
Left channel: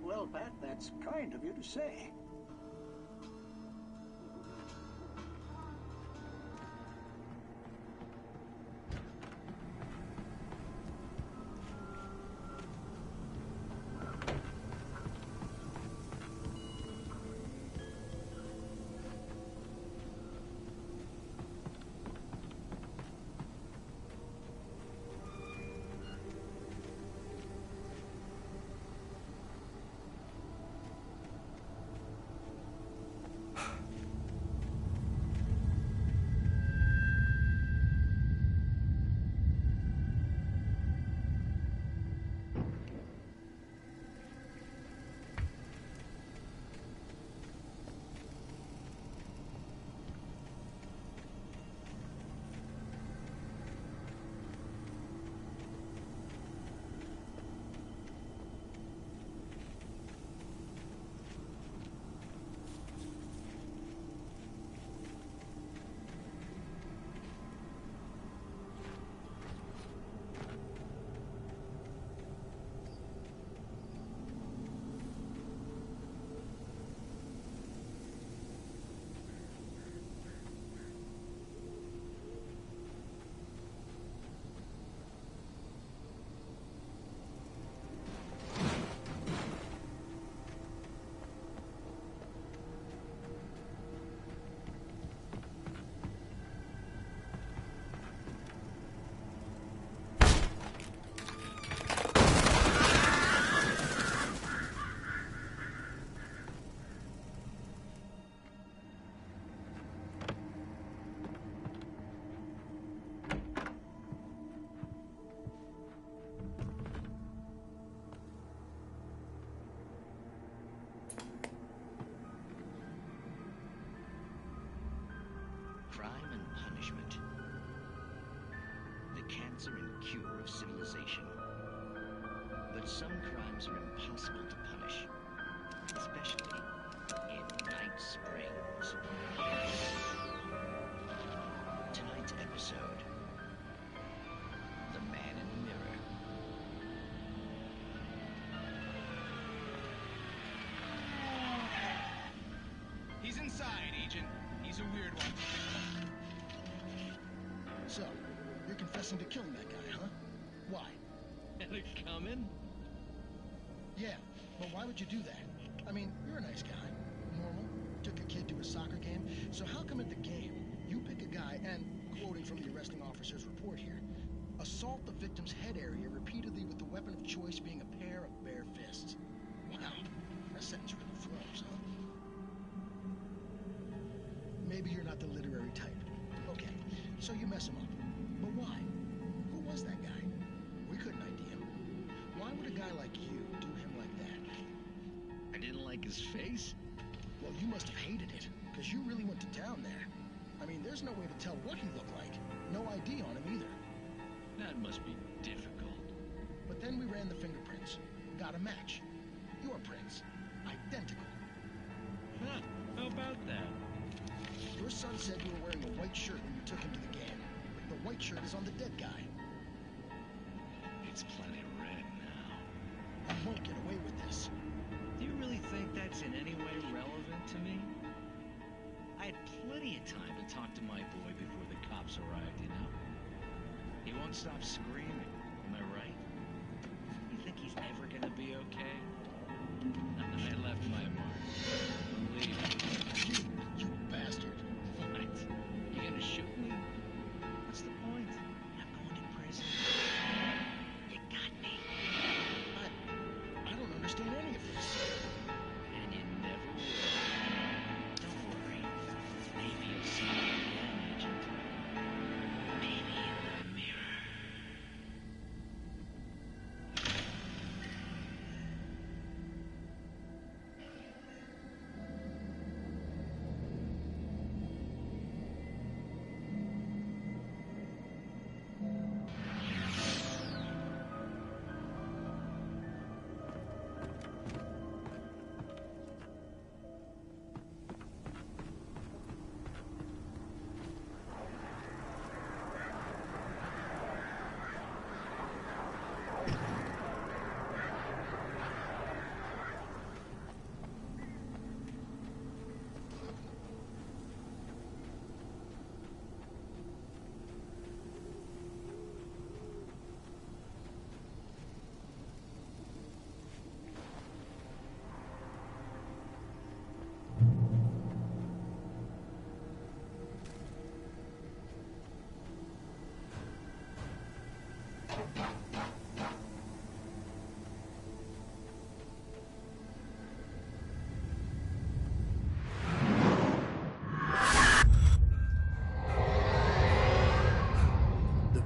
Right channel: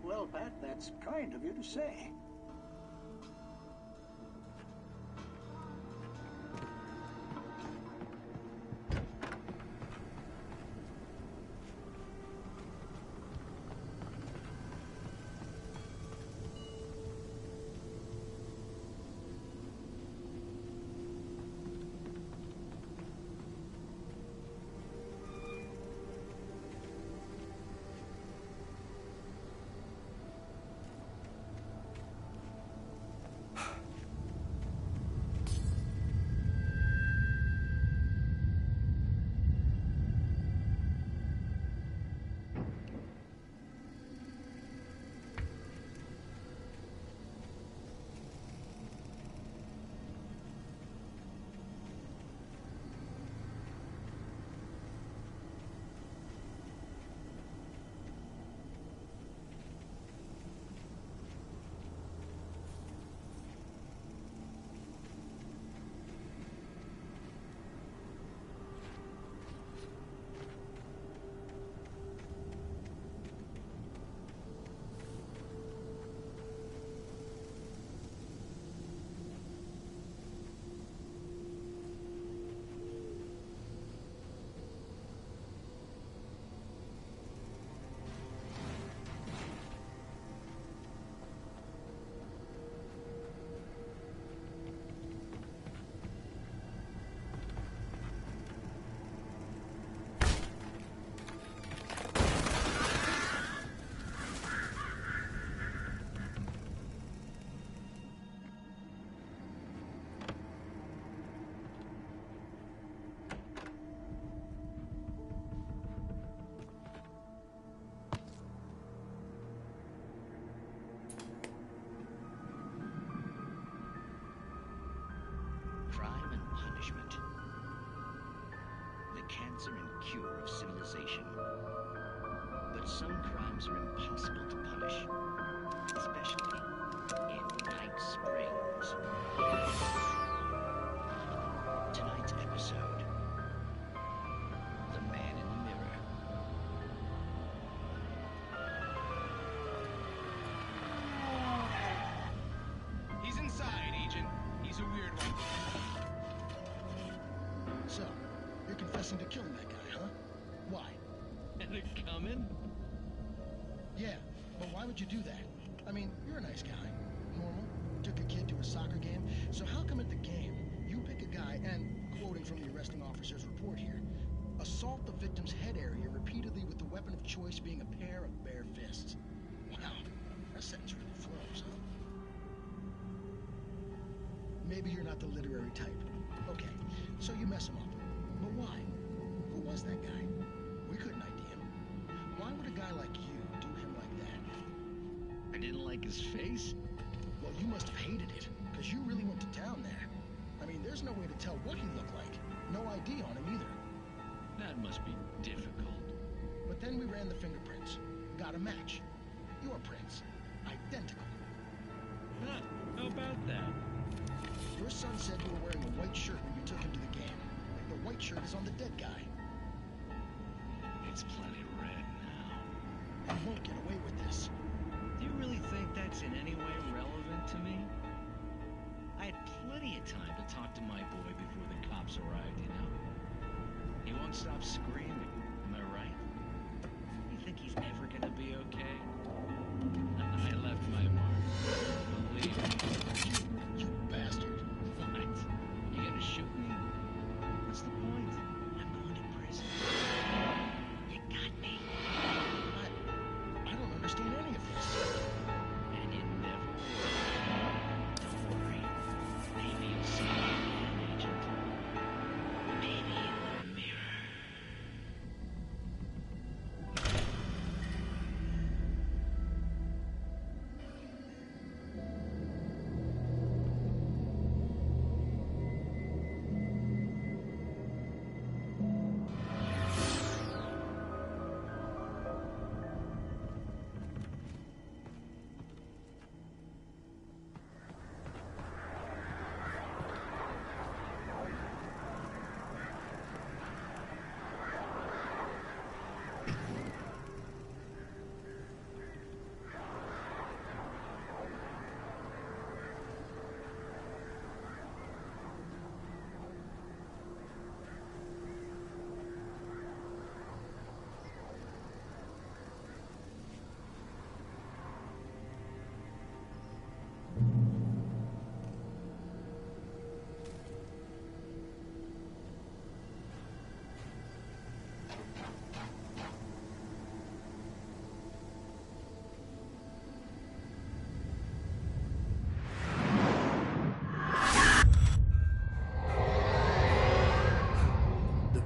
Well, Pat, that's kind of you to say. cure of civilization. But some crimes are impossible to punish, especially in Night Springs. Tonight's episode, The Man in the Mirror. He's inside, Agent. He's a weird one. So, you're confessing to killing that guy, huh? Why? And it coming? Yeah, but why would you do that? I mean, you're a nice guy. Normal. Took a kid to a soccer game. So how come at the game, you pick a guy and, quoting from the arresting officer's report here, assault the victim's head area repeatedly with the weapon of choice being a pair of bare fists? Wow, that sentence really flows, huh? Maybe you're not the literary type. Okay, so you mess him up. But why? Who was that guy? We couldn't ID him. Why would a guy like you do him like that? I didn't like his face? Well, you must have hated it, because you really went to town there. I mean, there's no way to tell what he looked like. No ID on him either. That must be difficult. But then we ran the fingerprints. Got a match. Your prints. Identical. Huh, how about that? Your son said you were wearing a white shirt when you took him to the game. The white shirt is on the dead guy. It's plenty red now. You won't get away with this. Do you really think that's in any way relevant to me? I had plenty of time to talk to my boy before the cops arrived, you know? He won't stop screaming, am I right? You think he's ever gonna be okay? I left my mark. Believe me. You bastard. What? You gonna shoot me? What's the point? I'm going to prison. You got me. I don't understand any of this. And you never will. Don't worry. Maybe you'll see me again, Agent. Maybe in the mirror.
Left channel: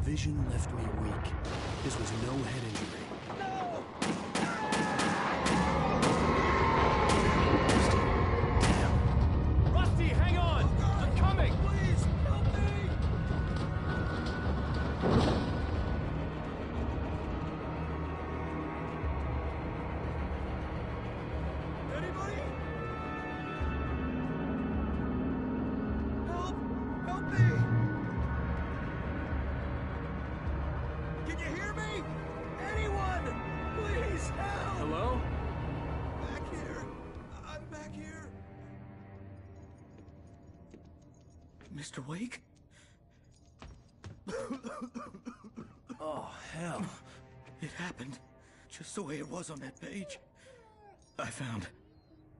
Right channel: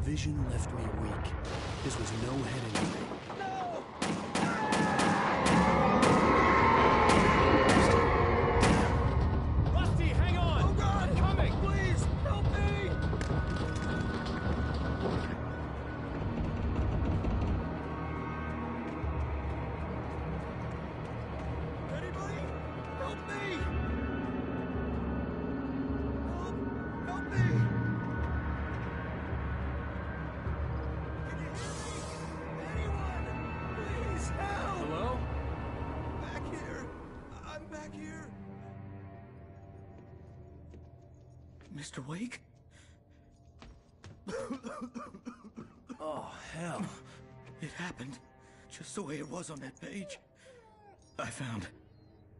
vision left me weak. This was no head injury. Rusty, hang on! Oh God! I'm coming! Please, help me! Anybody? Help me! Help! Help me! Can you hear me? Anyone! Please help! Hello? Back here. I'm back here. Mr. Wake? Oh, hell. It happened just the way it was on that page. I found.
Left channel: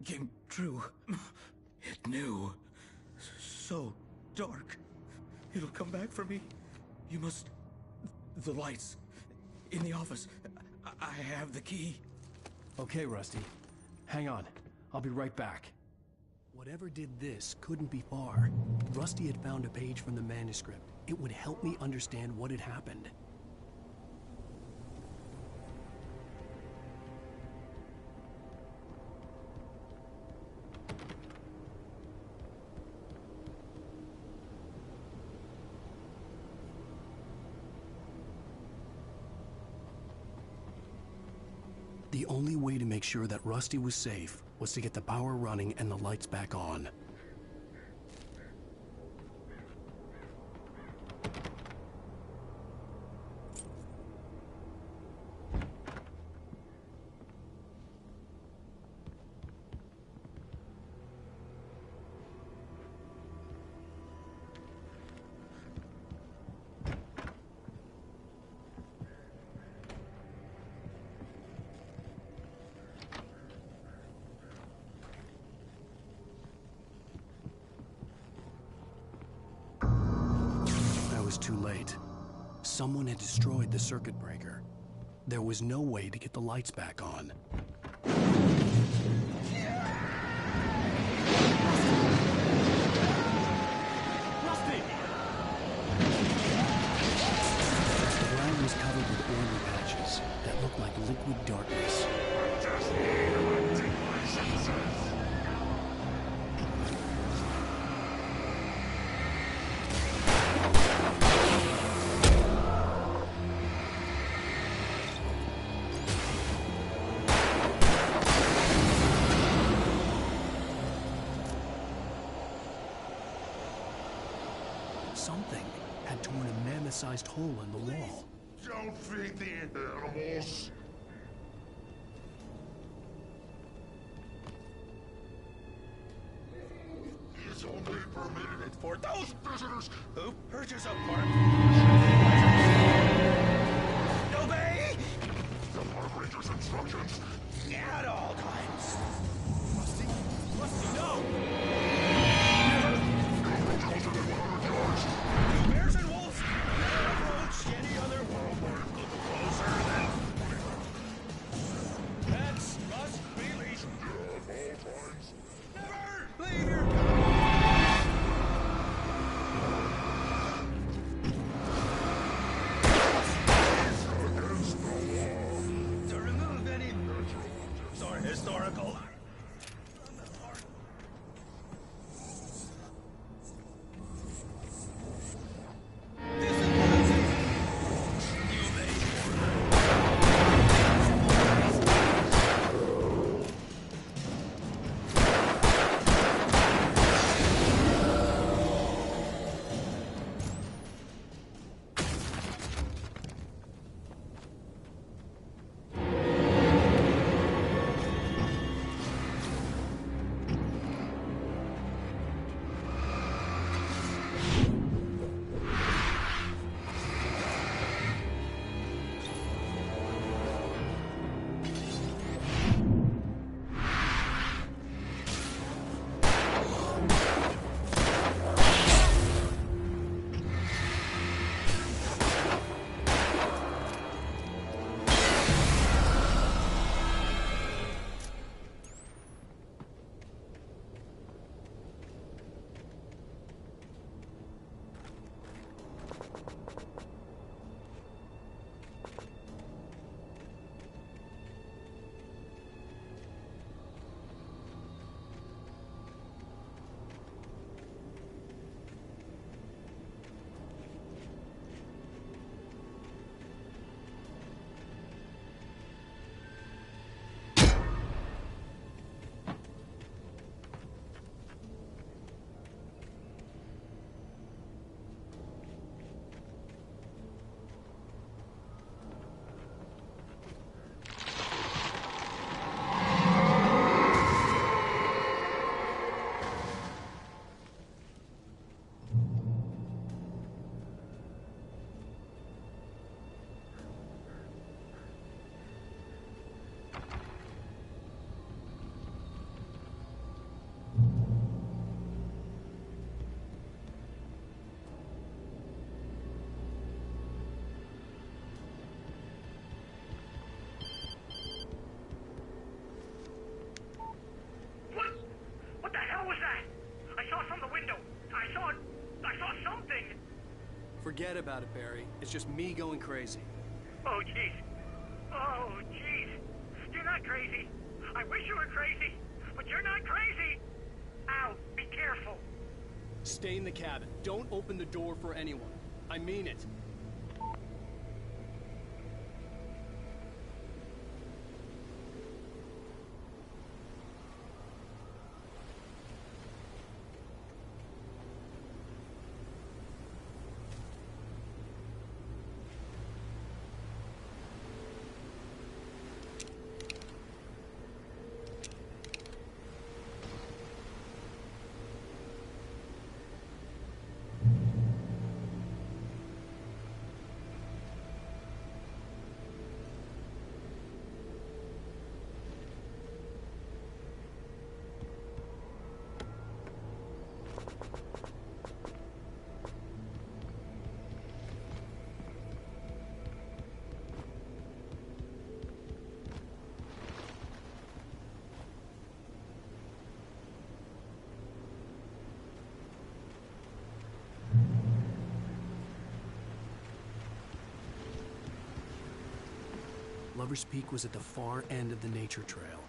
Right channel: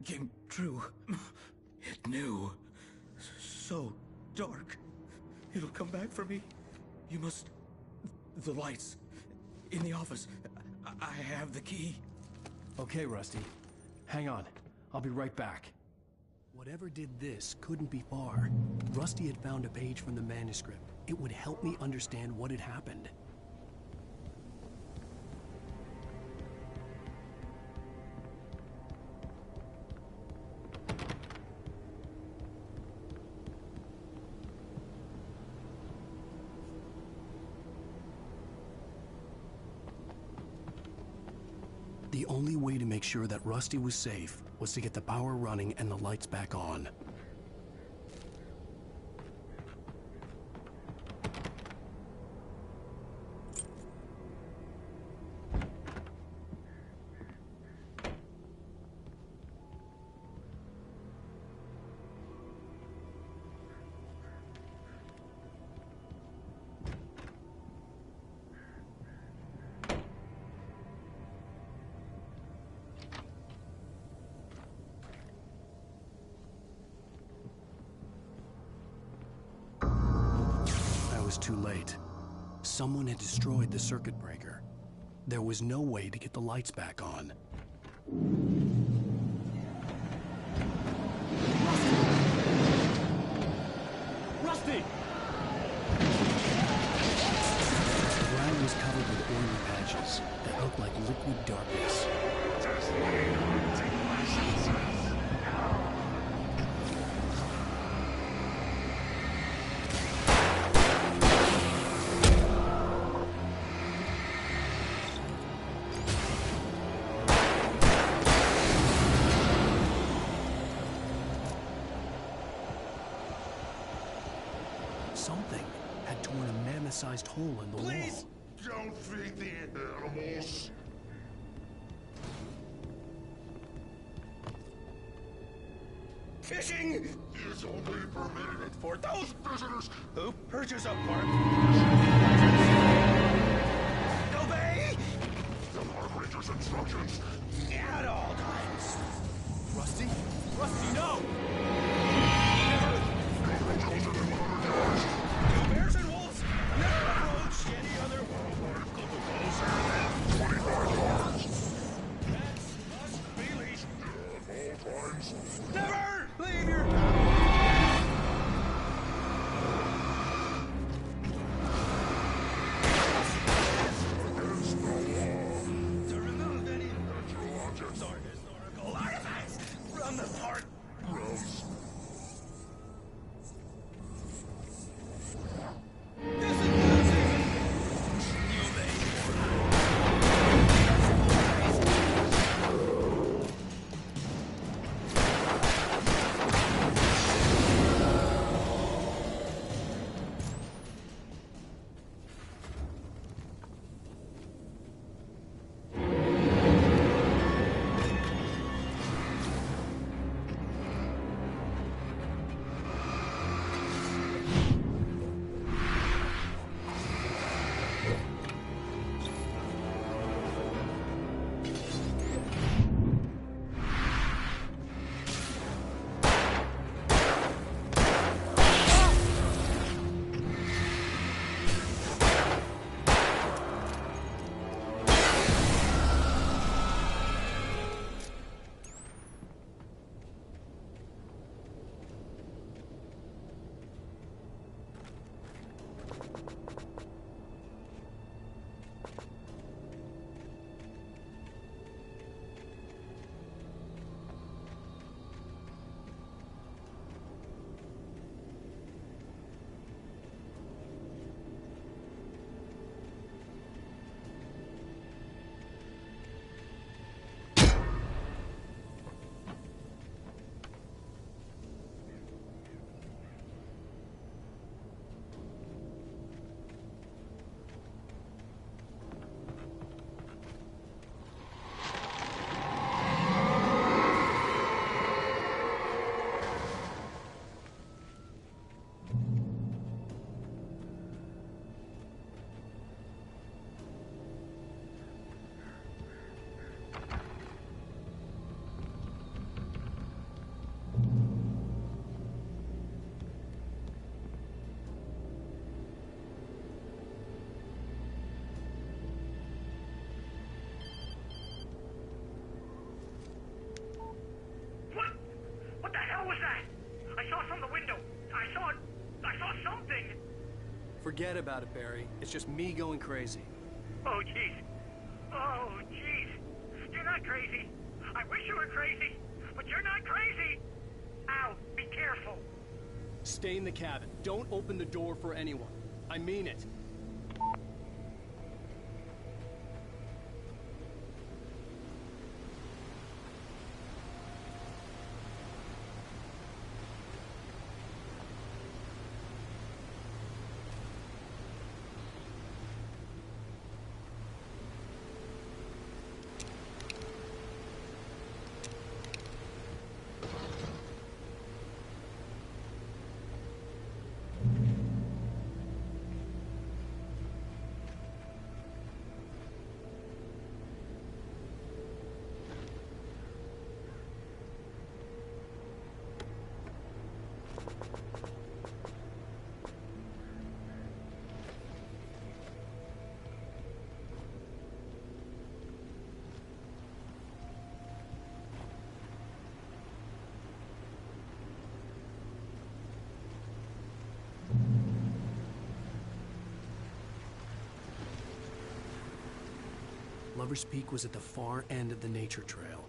Came true. It knew. So dark. It'll come back for me. You must. The lights. In the office. I have the key. Okay, Rusty. Hang on. I'll be right back. Whatever did this couldn't be far. Rusty had found a page from the manuscript. It would help me understand what had happened. The only way to make sure that Rusty was safe was to get the power running and the lights back on. I was too late. Someone had destroyed the circuit breaker. There was no way to get the lights back on. Rusty! The ground was covered with oily patches that looked like liquid darkness. Just need hunting licenses. Something had torn a mammoth-sized hole in the wall. Don't feed the animals. Fishing is only permitted for those visitors who purchase a park obey the park ranger's instructions at all times. Rusty? Rusty, no! Never! Don't approach closer than 100 yards. To bears and wolves, never approach any other wildlife closer than 25 yards. Pets must be leashed. At all times. Never leave your pet. Against the law. To remove any natural objects or historical artifacts from the park. Gross. Discipline season. You may. Forget about it, Barry. It's just me going crazy. Oh, jeez. Oh, jeez. You're not crazy. I wish you were crazy, but you're not crazy. Al, be careful. Stay in the cabin. Don't open the door for anyone. I mean it. Lover's Peak was at the far end of the nature trail.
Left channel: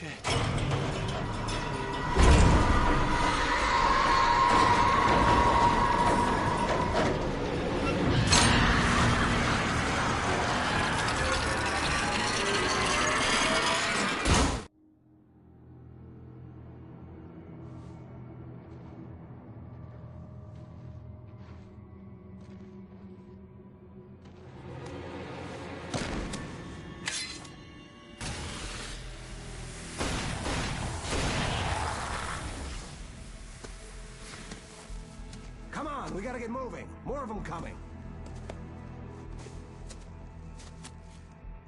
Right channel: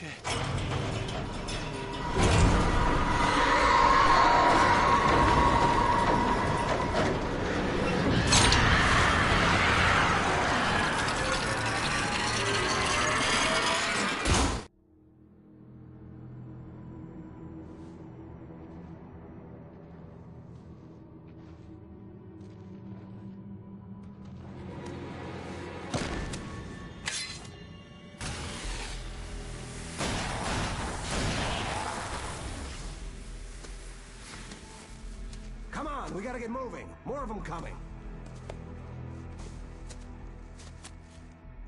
shit. Come on, we gotta get moving. More of them coming.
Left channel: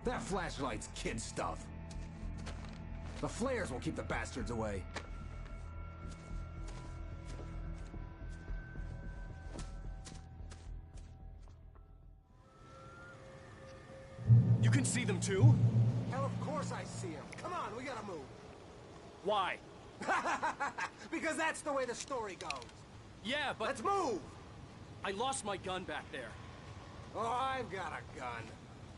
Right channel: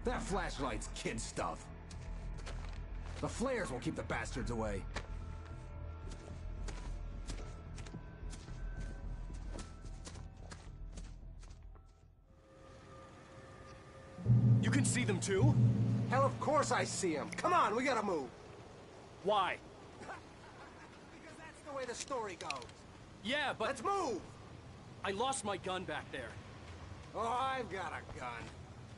That flashlight's kid stuff. The flares will keep the bastards away. You can see them too? Hell, of course I see them. Come on, we gotta move. Why? Because that's the way the story goes. Yeah, but... Let's move! I lost my gun back there. Oh, I've got a gun.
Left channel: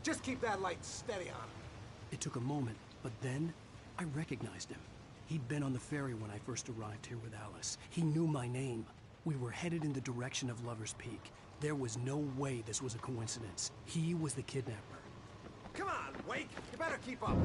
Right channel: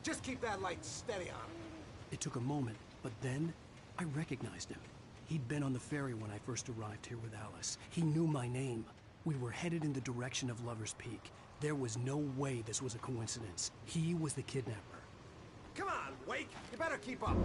Just keep that light steady on him. It took a moment, but then I recognized him. He'd been on the ferry when I first arrived here with Alice. He knew my name. We were headed in the direction of Lover's Peak. There was no way this was a coincidence. He was the kidnapper. Come on, Wake! You better keep up.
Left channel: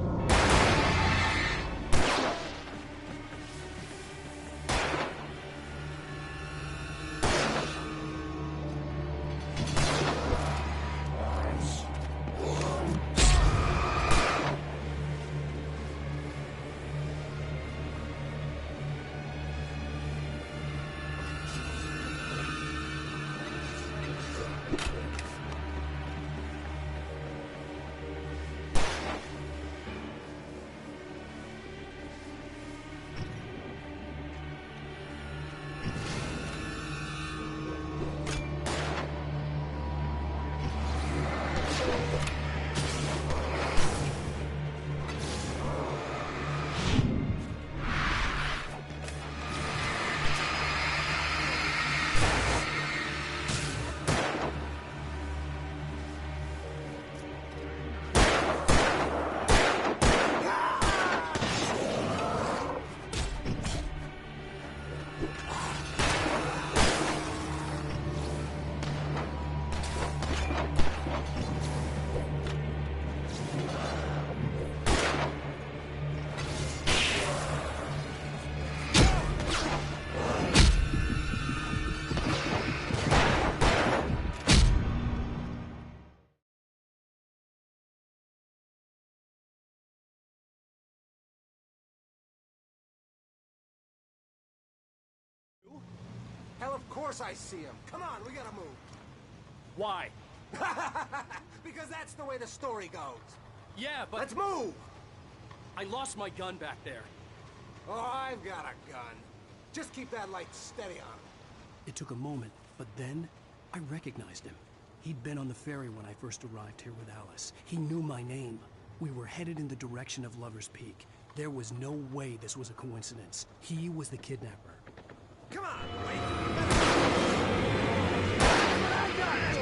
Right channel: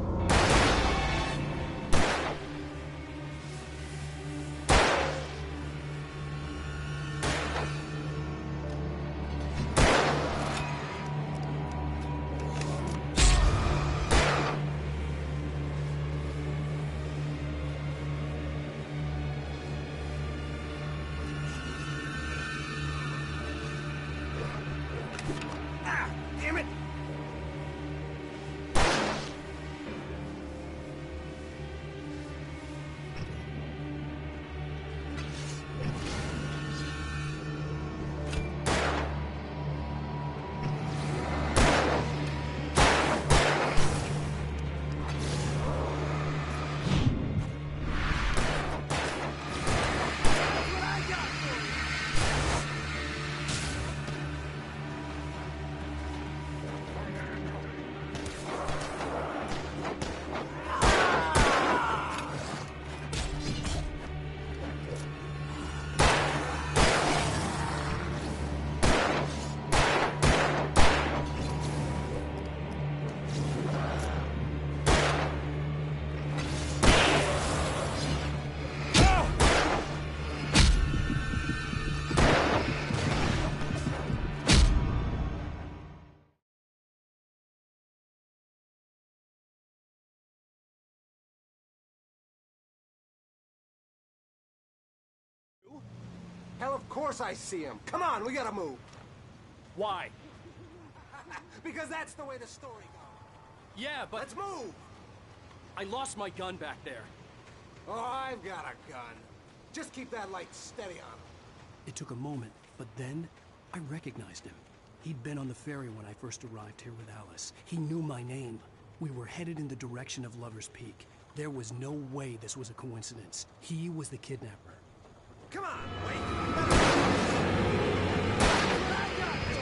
Damn it! Hell, of course I see him. Come on, we gotta move. Why? Because that's the way the story goes. Yeah, but... Let's move! I lost my gun back there. Oh, I've got a gun. Just keep that light steady on him. It took a moment, but then I recognized him. He'd been on the ferry when I first arrived here with Alice. He knew my name. We were headed in the direction of Lover's Peak. There was no way this was a coincidence. He was the kidnapper. Come on, Wake! I got it!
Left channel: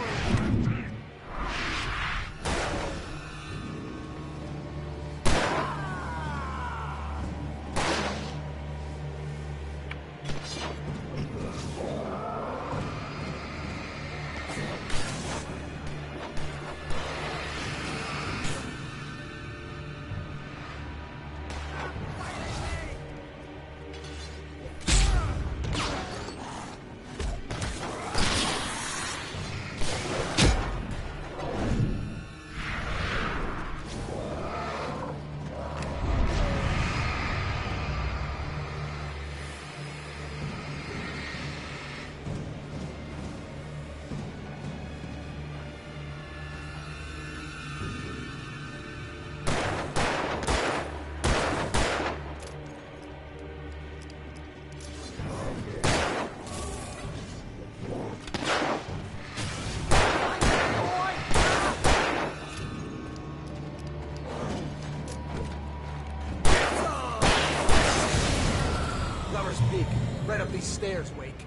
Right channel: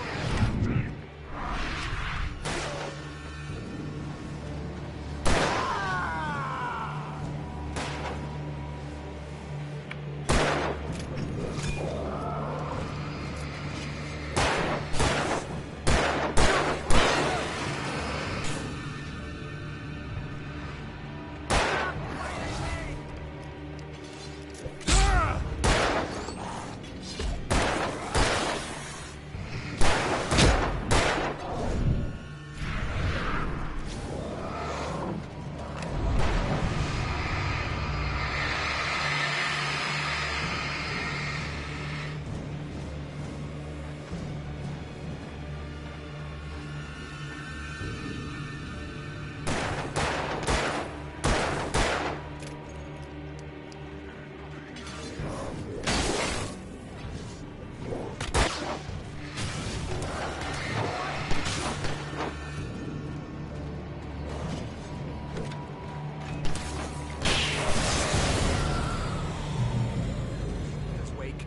Stairs, Wake.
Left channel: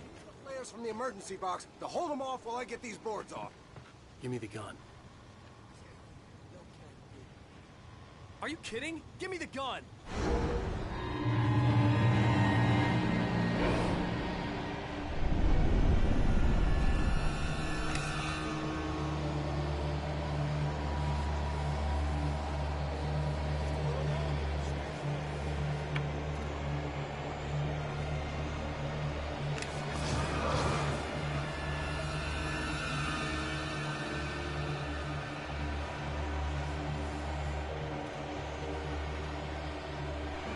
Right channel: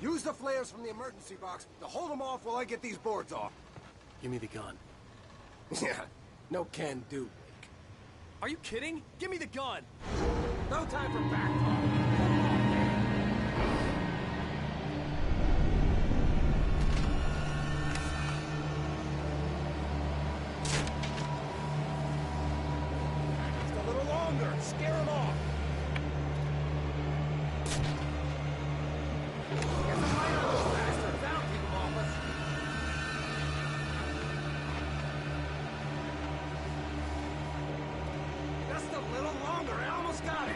Use the flares from the emergency box to hold them off while I get these boards off. Give me the gun. Yeah, no can do, Wake. Are you kidding? Give me the gun! No time for back talk. Just a little longer. Scare him off. Get the light on those bastards. That'll keep him off us. Just a little longer. I almost got it.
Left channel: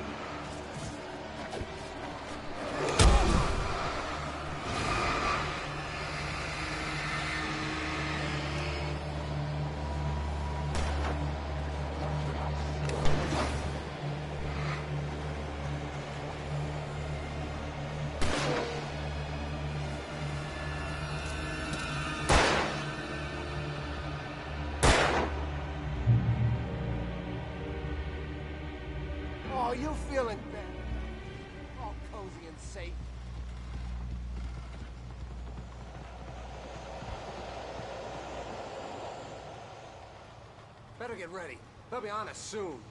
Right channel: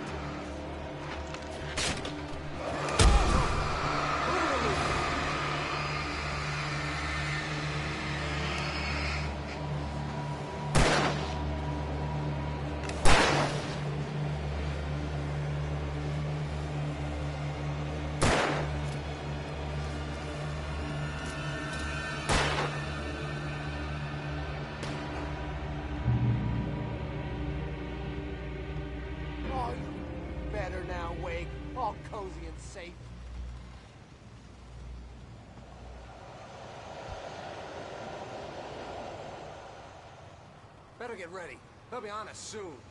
Oh, you feeling better now, Wake? All cozy and safe. Better get ready. They'll be on us soon.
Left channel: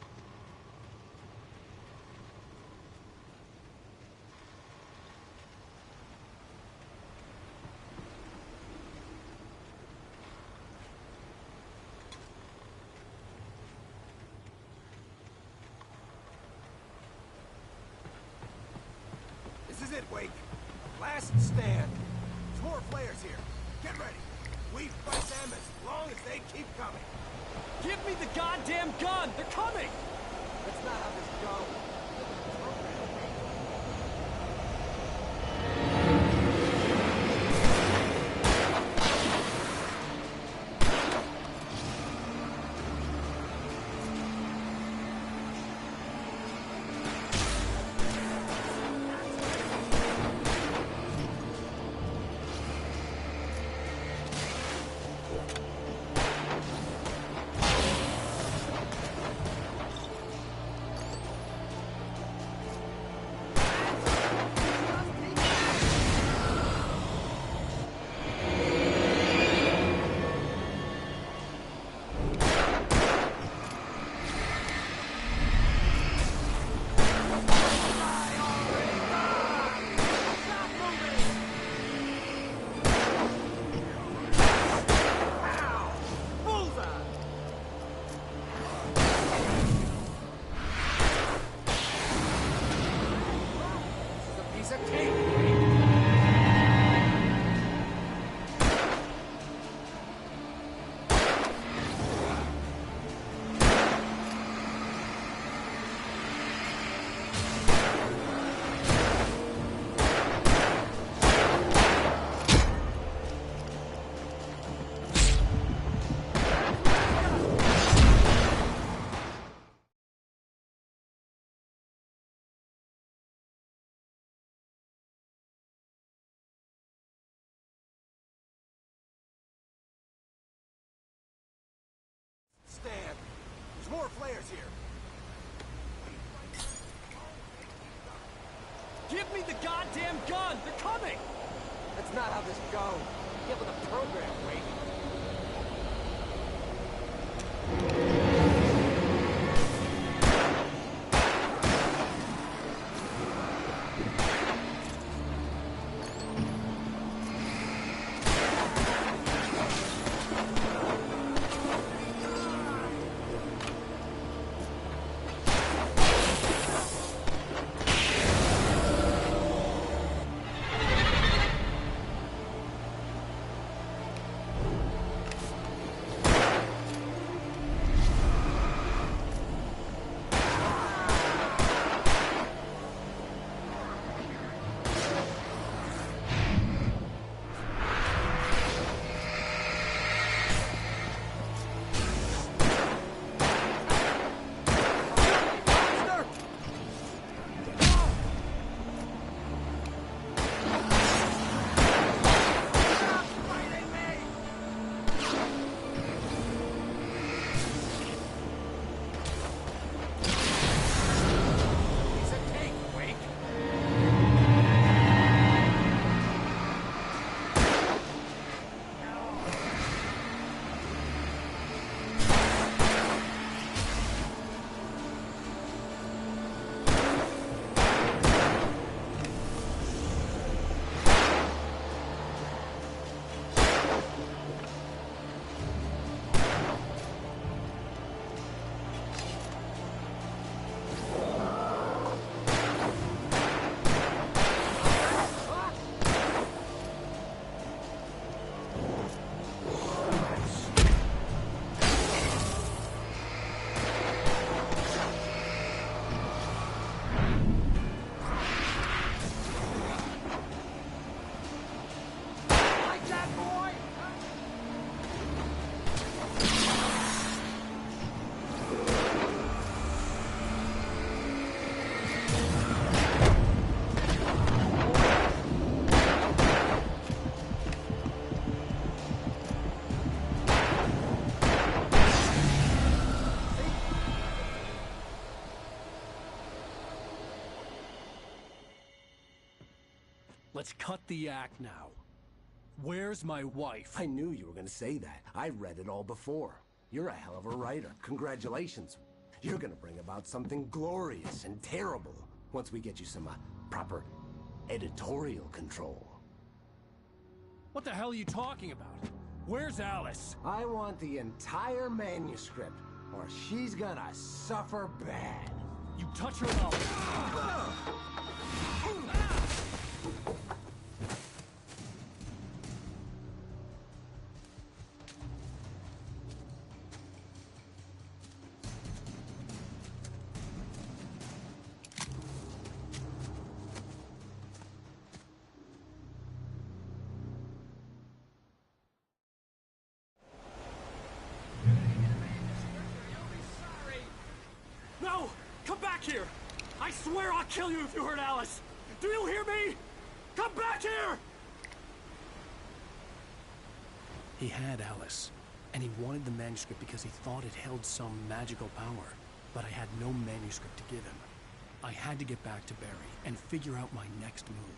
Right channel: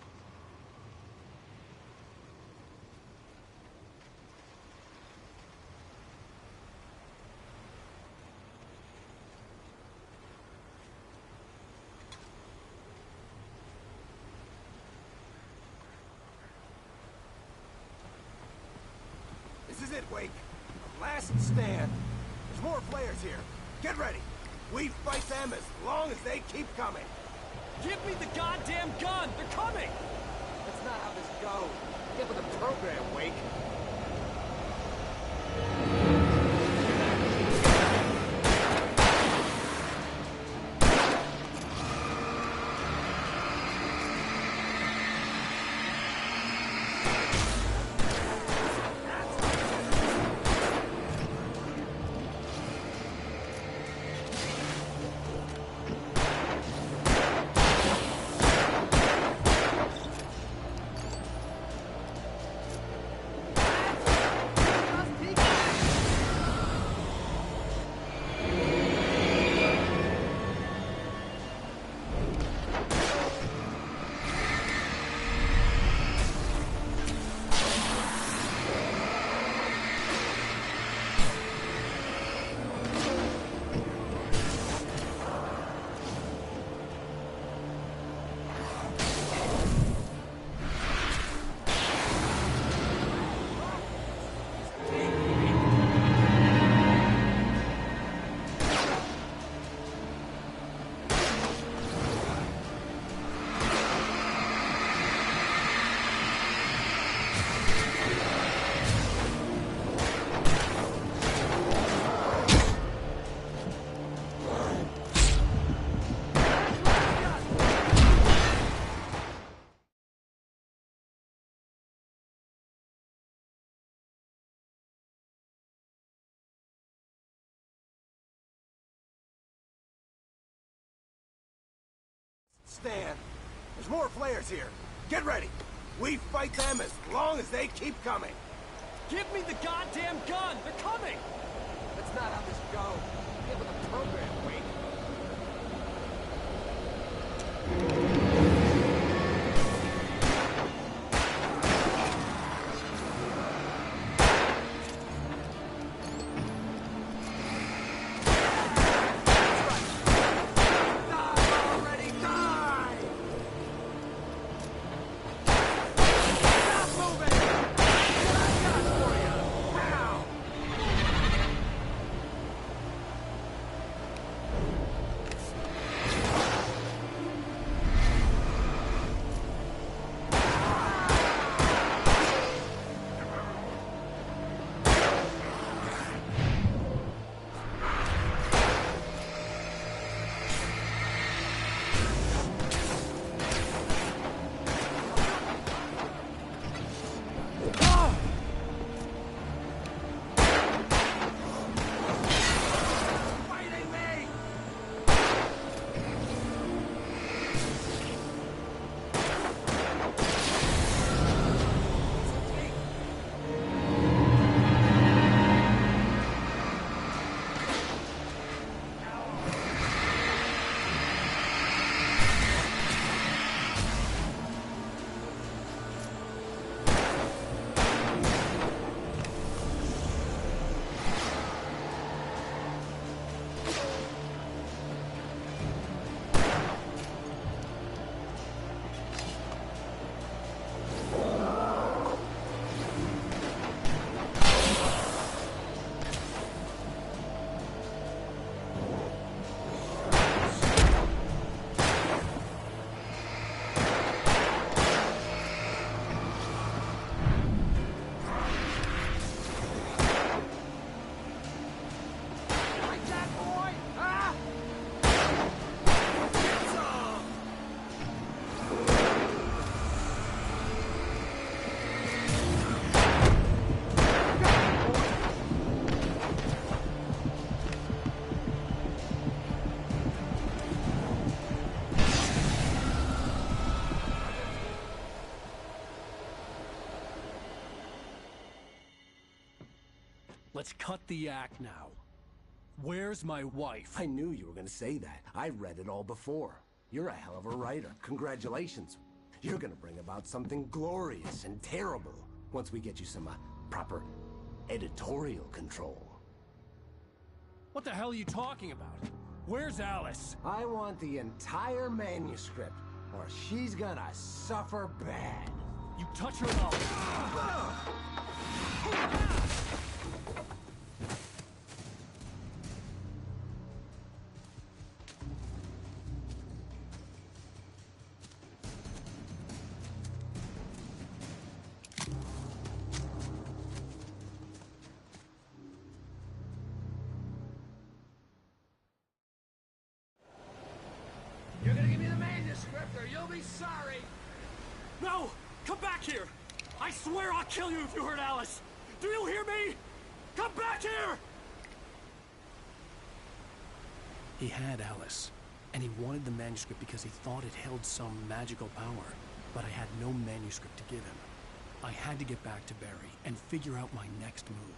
This is it, Wake. The last stand. There's more players here. Get ready. We fight them as long as they keep coming. Give me the goddamn gun! They're coming! That's not how this goes. Get with the program, Wake. Stand. There's more flares here. Get ready. We fight them as long as they keep coming. Give me the goddamn gun! They're coming! That's not how this goes. Get with the program, Wake. let's cut the act now. Where's my wife? I knew you were gonna say that. I read it all before. You're a hell of a writer. Congratulations. You're gonna bring about something glorious and terrible once we get you some proper editorial control. What the hell are you talking about? Where's Alice? I want the entire manuscript, or she's gonna suffer bad. You touch her and I'll... You're gonna give me the manuscript or you'll be sorry! No! Come back here! I swear I'll kill you if you hurt Alice! Do you hear me? Come back here! He had Alice, and he wanted the manuscript because he thought it held some magical power. But I had no manuscript to give him. I had to get back to Barry and figure out my next move.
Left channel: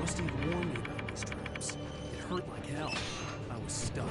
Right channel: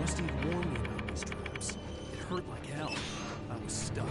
Rusty had warned me about these traps. It hurt like hell. I was stuck.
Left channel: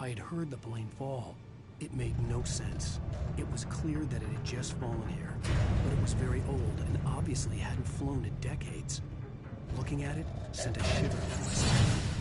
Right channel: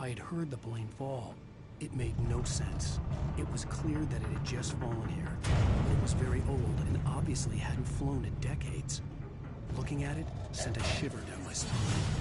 I had heard the plane fall. It made no sense. It was clear that it had just fallen here, but it was very old and obviously hadn't flown in decades. Looking at it sent a shiver down my spine.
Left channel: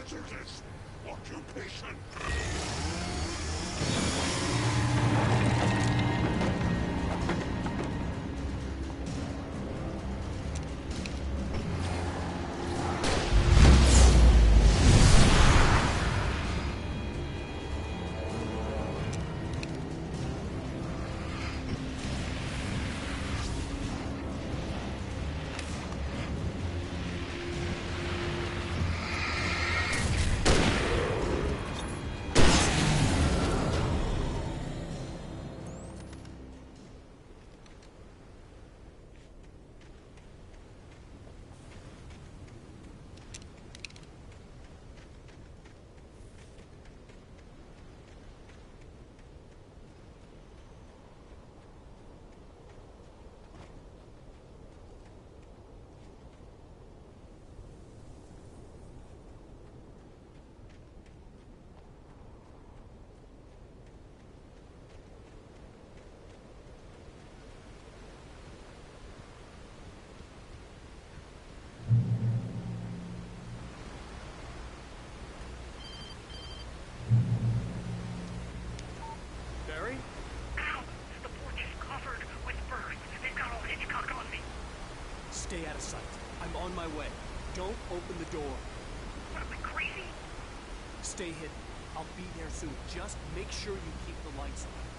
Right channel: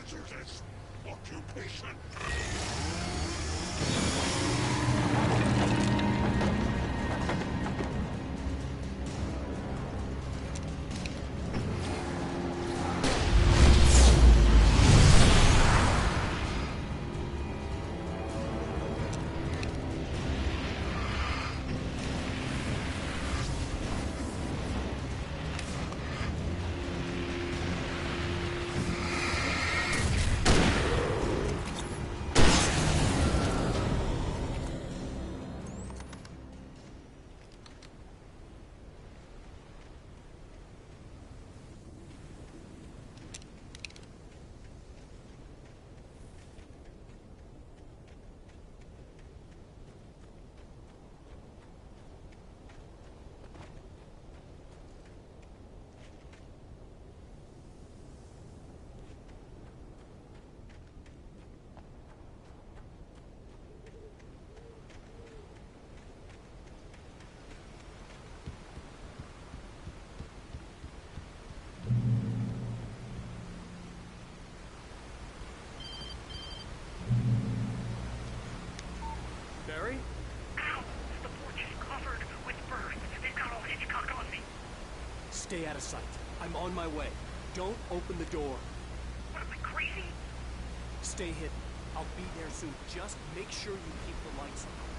hazardous occupation. Barry? Ow! The porch is covered with birds. They've got all Hitchcock on me. Stay out of sight. I'm on my way. Don't open the door. What, am I crazy? Stay hidden. I'll be there soon. Just make sure you keep the lights on.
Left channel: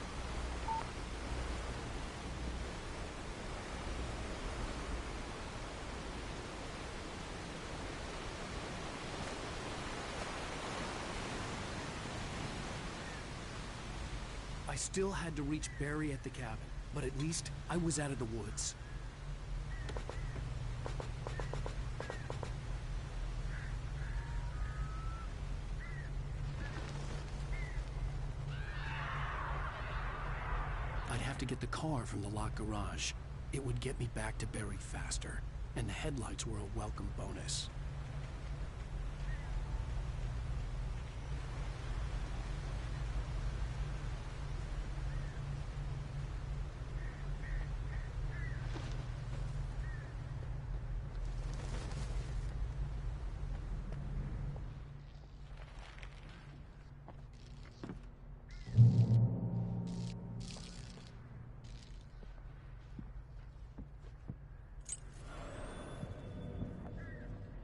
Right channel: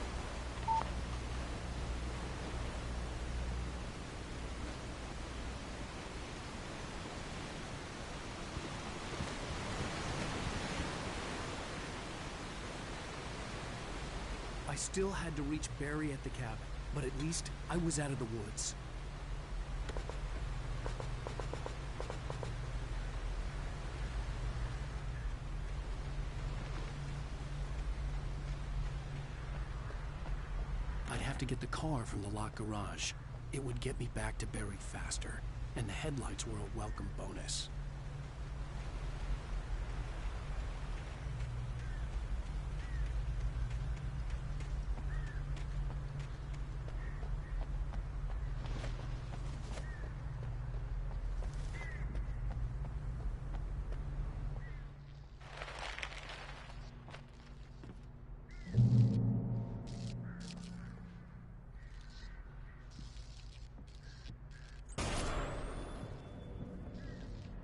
I still had to reach Barry at the cabin, but at least I was out of the woods. I'd have to get the car from the locked garage. It would get me back to Barry faster, and the headlights were a welcome bonus.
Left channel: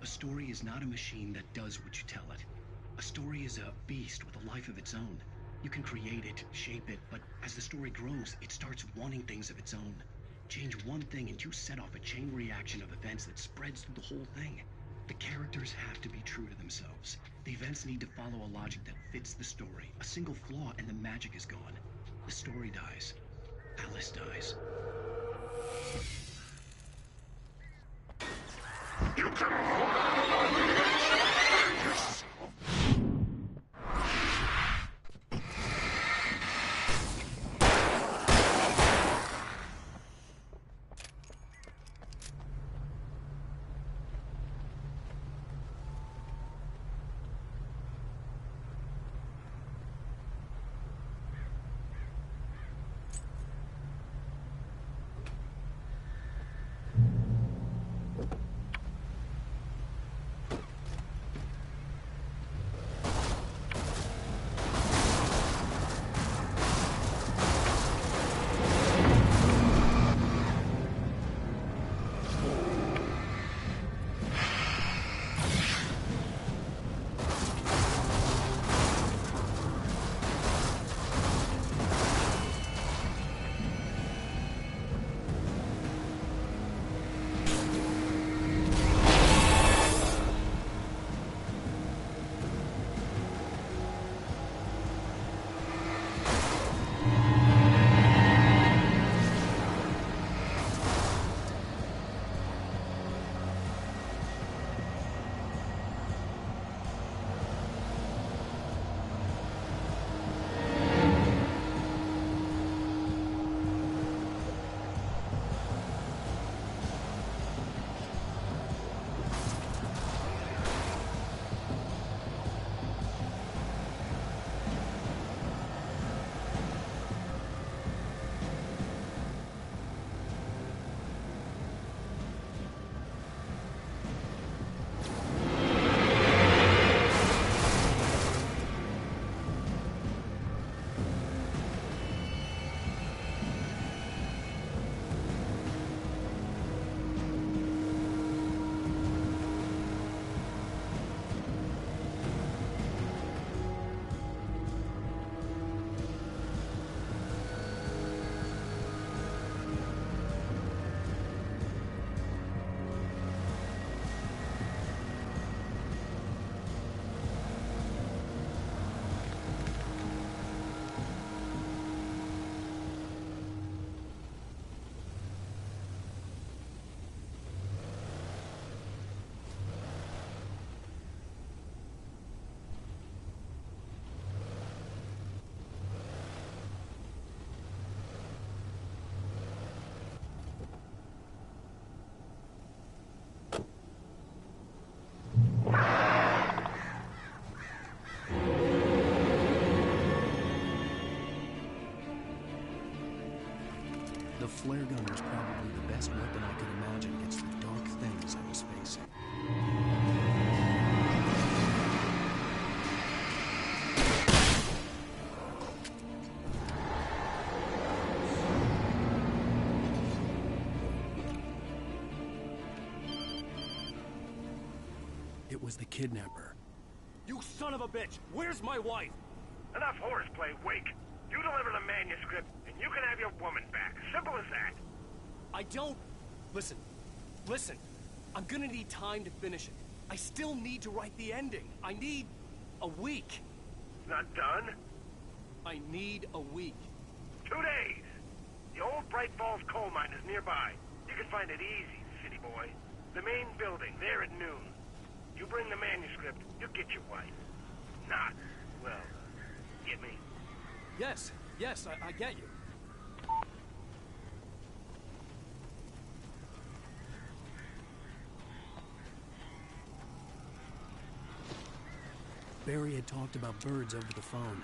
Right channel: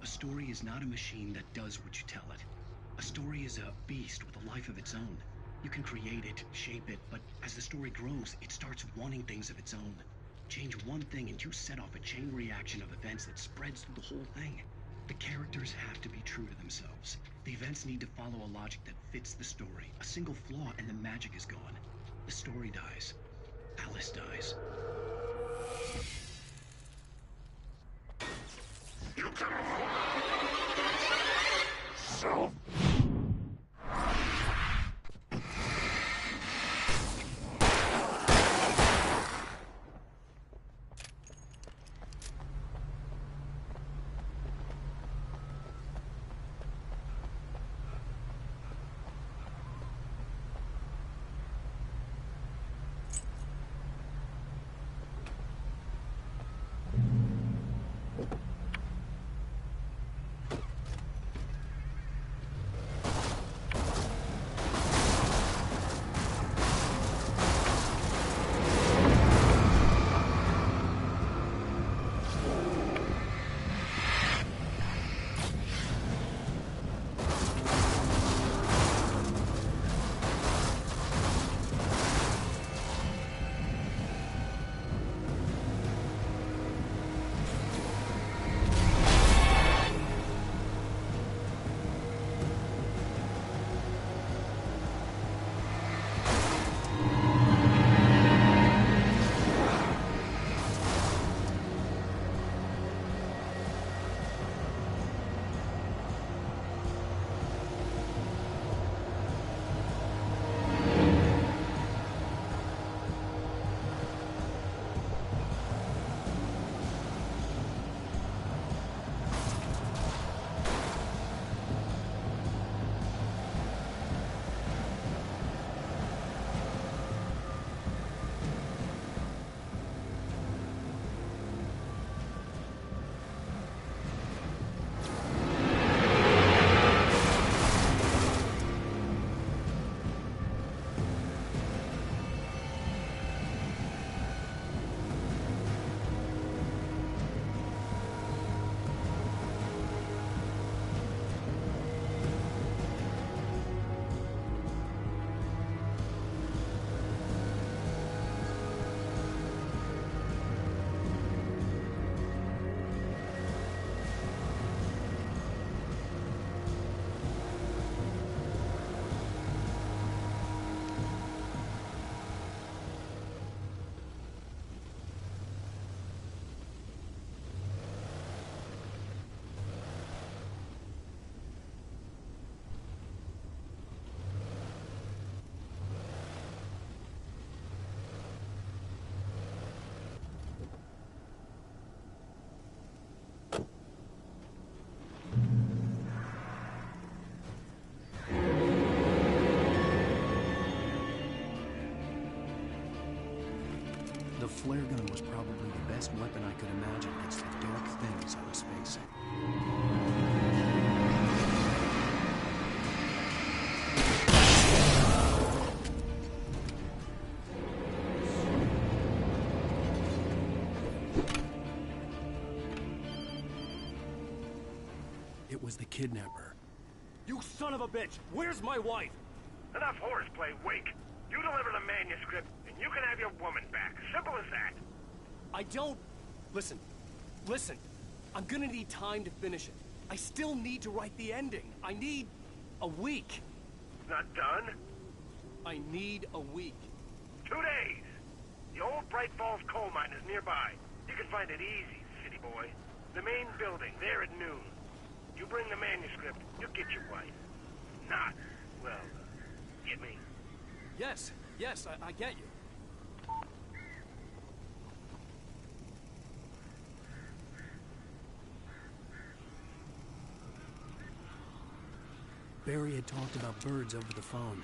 A story is not a machine that does what you tell it. A story is a beast with a life of its own. You can create it, shape it, but as the story grows, it starts wanting things of its own. Change one thing and you set off a chain reaction of events that spreads through the whole thing. The characters have to be true to themselves. The events need to follow a logic that fits the story. A single flaw and the magic is gone. The story dies. Alice dies. You can yourself. The flare gun was probably the best weapon I could imagine against the dark things I was facing. It was the kidnapper. You son of a bitch! Where's my wife? Enough horseplay, Wake. You deliver the manuscript, and you can have your woman back. Simple as that. I don't... Listen. I'm gonna need time to finish it. I still need to write the ending. I need a week. It's not done? I need a week. 2 days. The old Bright Falls coal mine is nearby. You can find it easy, city boy. The main building, there at noon. You bring the manuscript, you'll get your wife. Not, well, get me? Yes, I get you. Barry had talked about birds over the phone.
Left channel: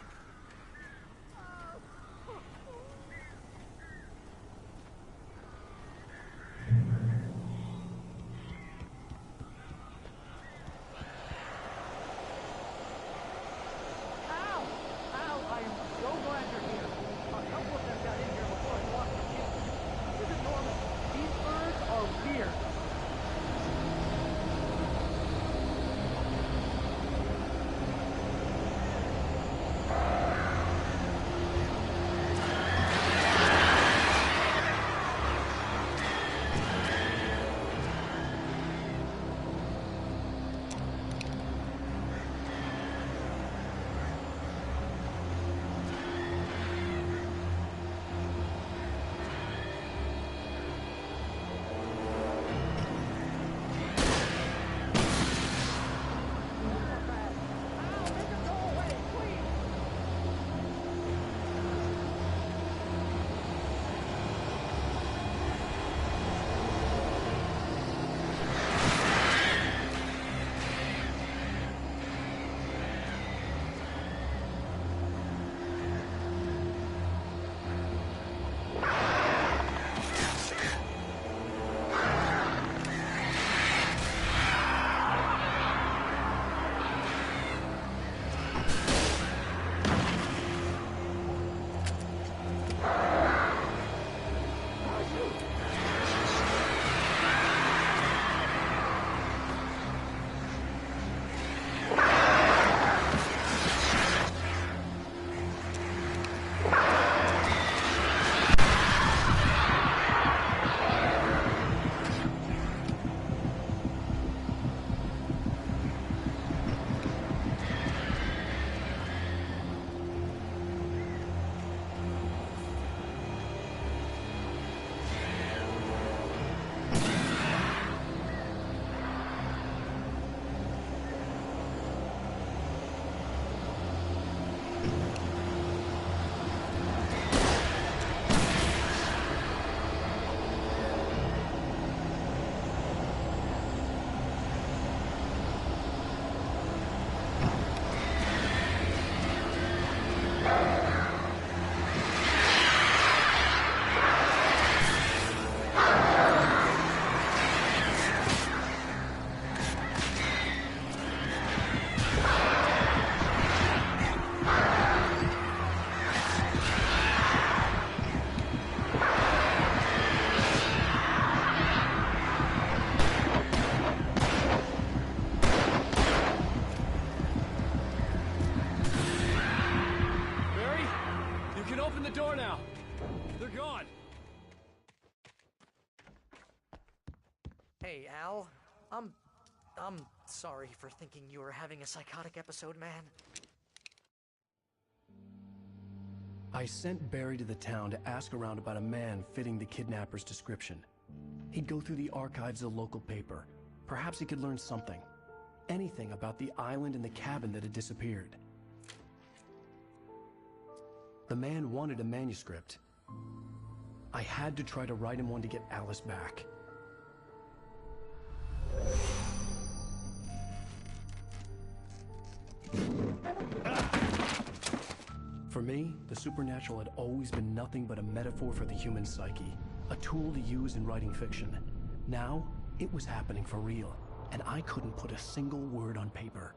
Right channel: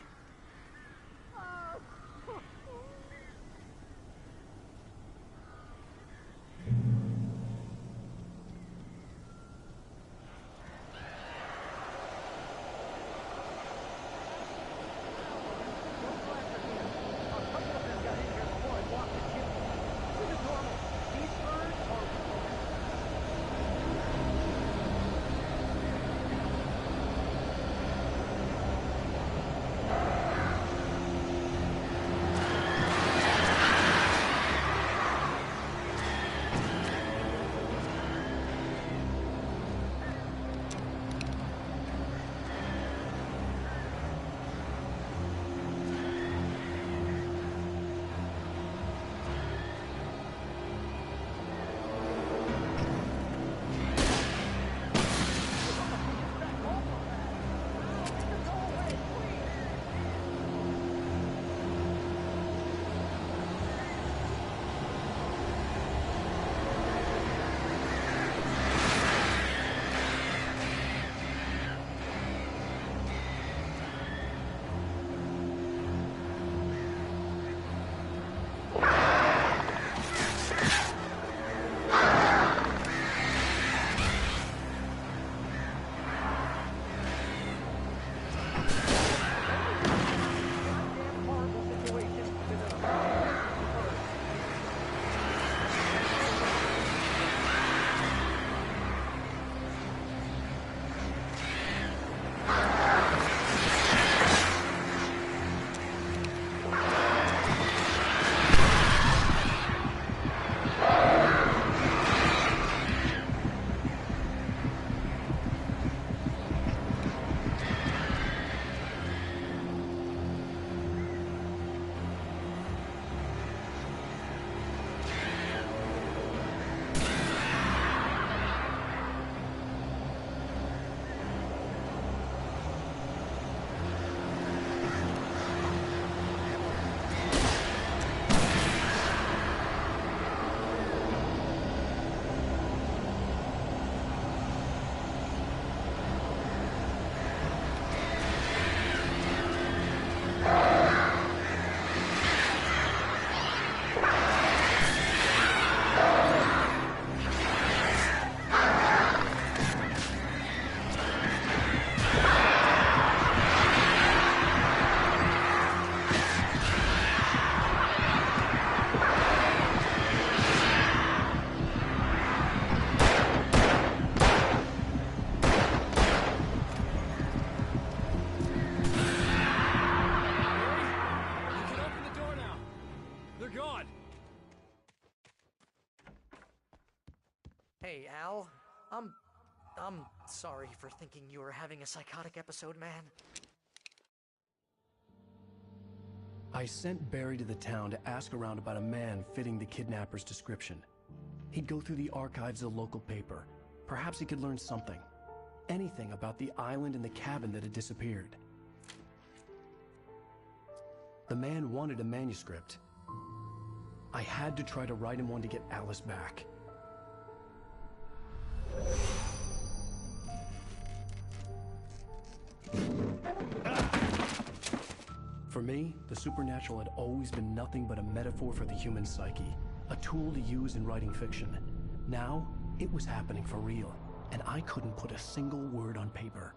Hey, Al. I'm sorry for thinking you were having a psychotic episode, man. I sent Barry to the town to ask around about a man fitting the kidnapper's description. He'd go through the archives of the local paper. Perhaps he could learn something. Anything about the island and the cabin that had disappeared. The man wanted a manuscript. I had to try to write him one to get Alice back. For me, the supernatural had always been nothing but a metaphor for the human psyche, a tool to use in writing fiction. Now, it was happening for real, and I couldn't put a single word on paper.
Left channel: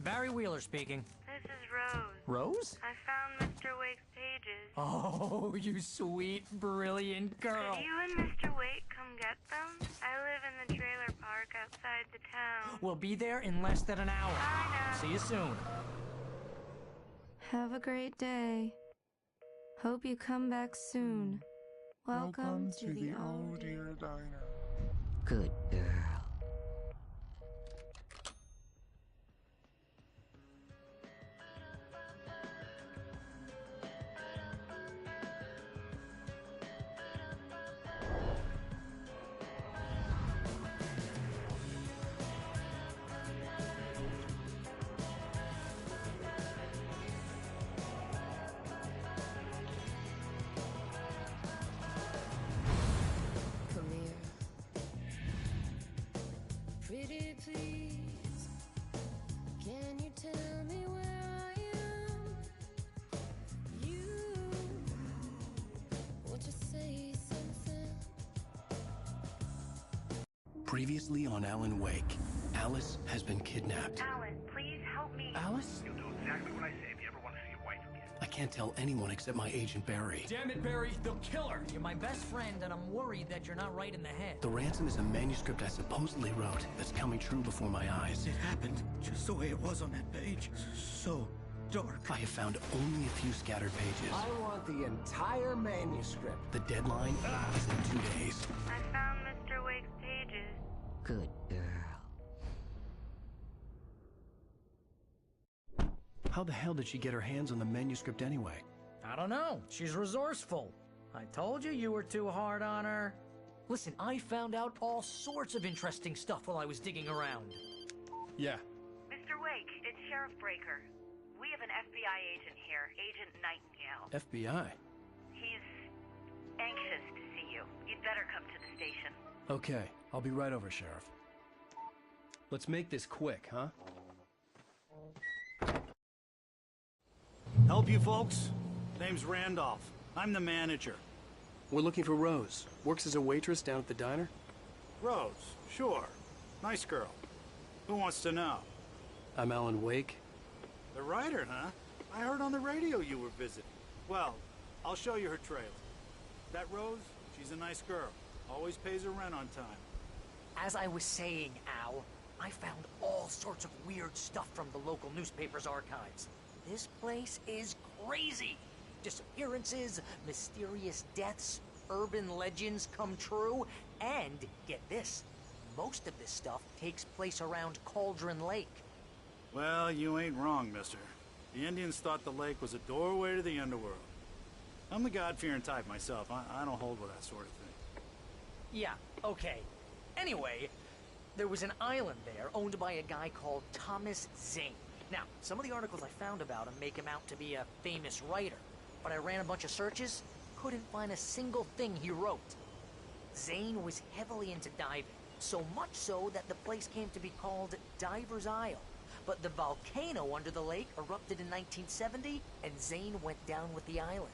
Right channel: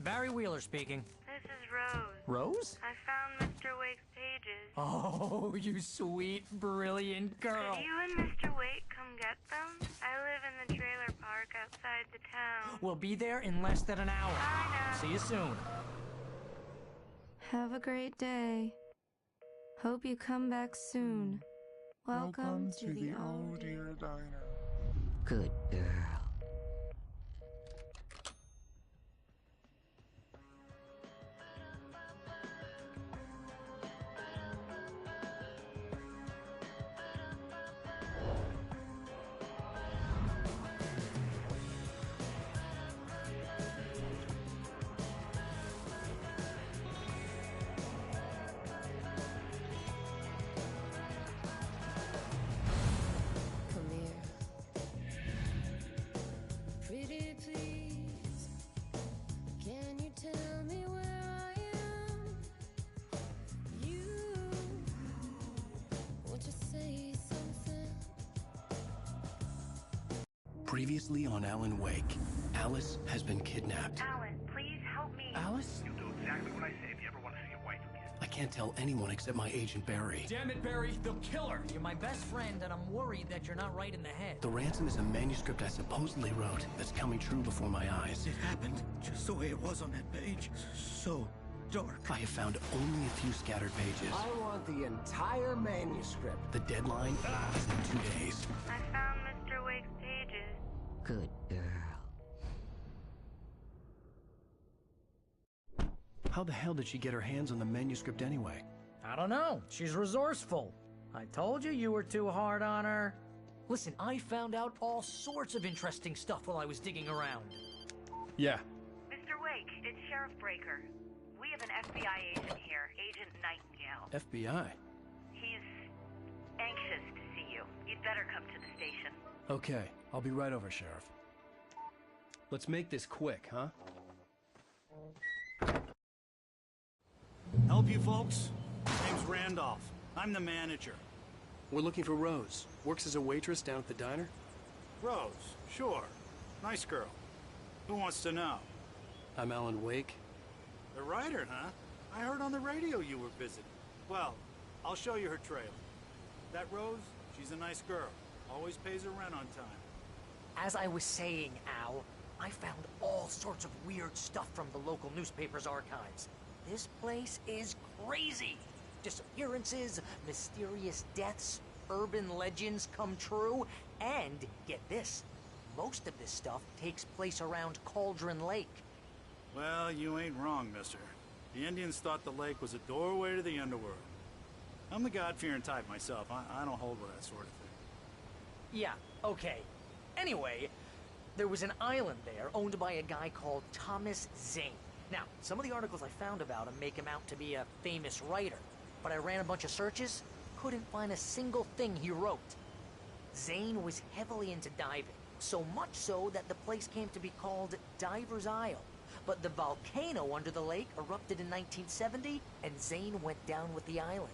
Barry Wheeler speaking. This is Rose. Rose? I found Mr. Wake's pages. Oh, you sweet, brilliant girl. Could you and Mr. Wake come get them? I live in the trailer park outside the town. We'll be there in less than an hour. Bye now. See you soon. Have a great day. Hope you come back soon. Welcome to the Oh Dear Diner. Good girl. Come here. Pretty please, can you tell me where I am? You, won't you say something? Previously on Alan Wake, Alice has been kidnapped. Alan, please help me. Alice? You'll do exactly what I say if you ever want to see your wife again. I can't tell anyone except my agent Barry. Damn it, Barry, they'll kill her. You're my best friend, and I'm worried that you're not right in the head. The ransom is a manuscript I supposedly wrote that's coming true before my eyes. It happened just the way it was on that page. So dark. I have found only a few scattered pages. I want the entire manuscript. The deadline is in 2 days. I found Mr. Wake's pages. Good girl. How the hell did she get her hands on the manuscript anyway? I don't know. She's resourceful. I told you you were too hard on her. Listen, I found out all sorts of interesting stuff while I was digging around. Yeah. Mr. Wake, it's Sheriff Breaker. We have an FBI agent here, Agent Nightingale. FBI? He's anxious to see you. You'd better come to the station. Okay, I'll be right over, Sheriff. Let's make this quick, huh? Help you folks? Name's Randolph. I'm the manager. We're looking for Rose. Works as a waitress down at the diner? Rose, sure. Nice girl. Who wants to know? I'm Alan Wake. The writer, huh? I heard on the radio you were visiting. Well, I'll show you her trailer. That Rose, she's a nice girl. Always pays her rent on time. As I was saying, Al, I found all sorts of weird stuff from the local newspaper's archives. This place is crazy. Disappearances, mysterious deaths, urban legends come true, and get this, most of this stuff takes place around Cauldron Lake. Well, you ain't wrong, mister. The Indians thought the lake was a doorway to the underworld. I'm the God-fearing type myself. I don't hold with that sort of thing. Yeah, okay. Anyway, there was an island there owned by a guy called Thomas Zane. Now, some of the articles I found about him make him out to be a famous writer, but I ran a bunch of searches, couldn't find a single thing he wrote. Zane was heavily into diving, so much so that the place came to be called Diver's Isle. But the volcano under the lake erupted in 1970, and Zane went down with the island.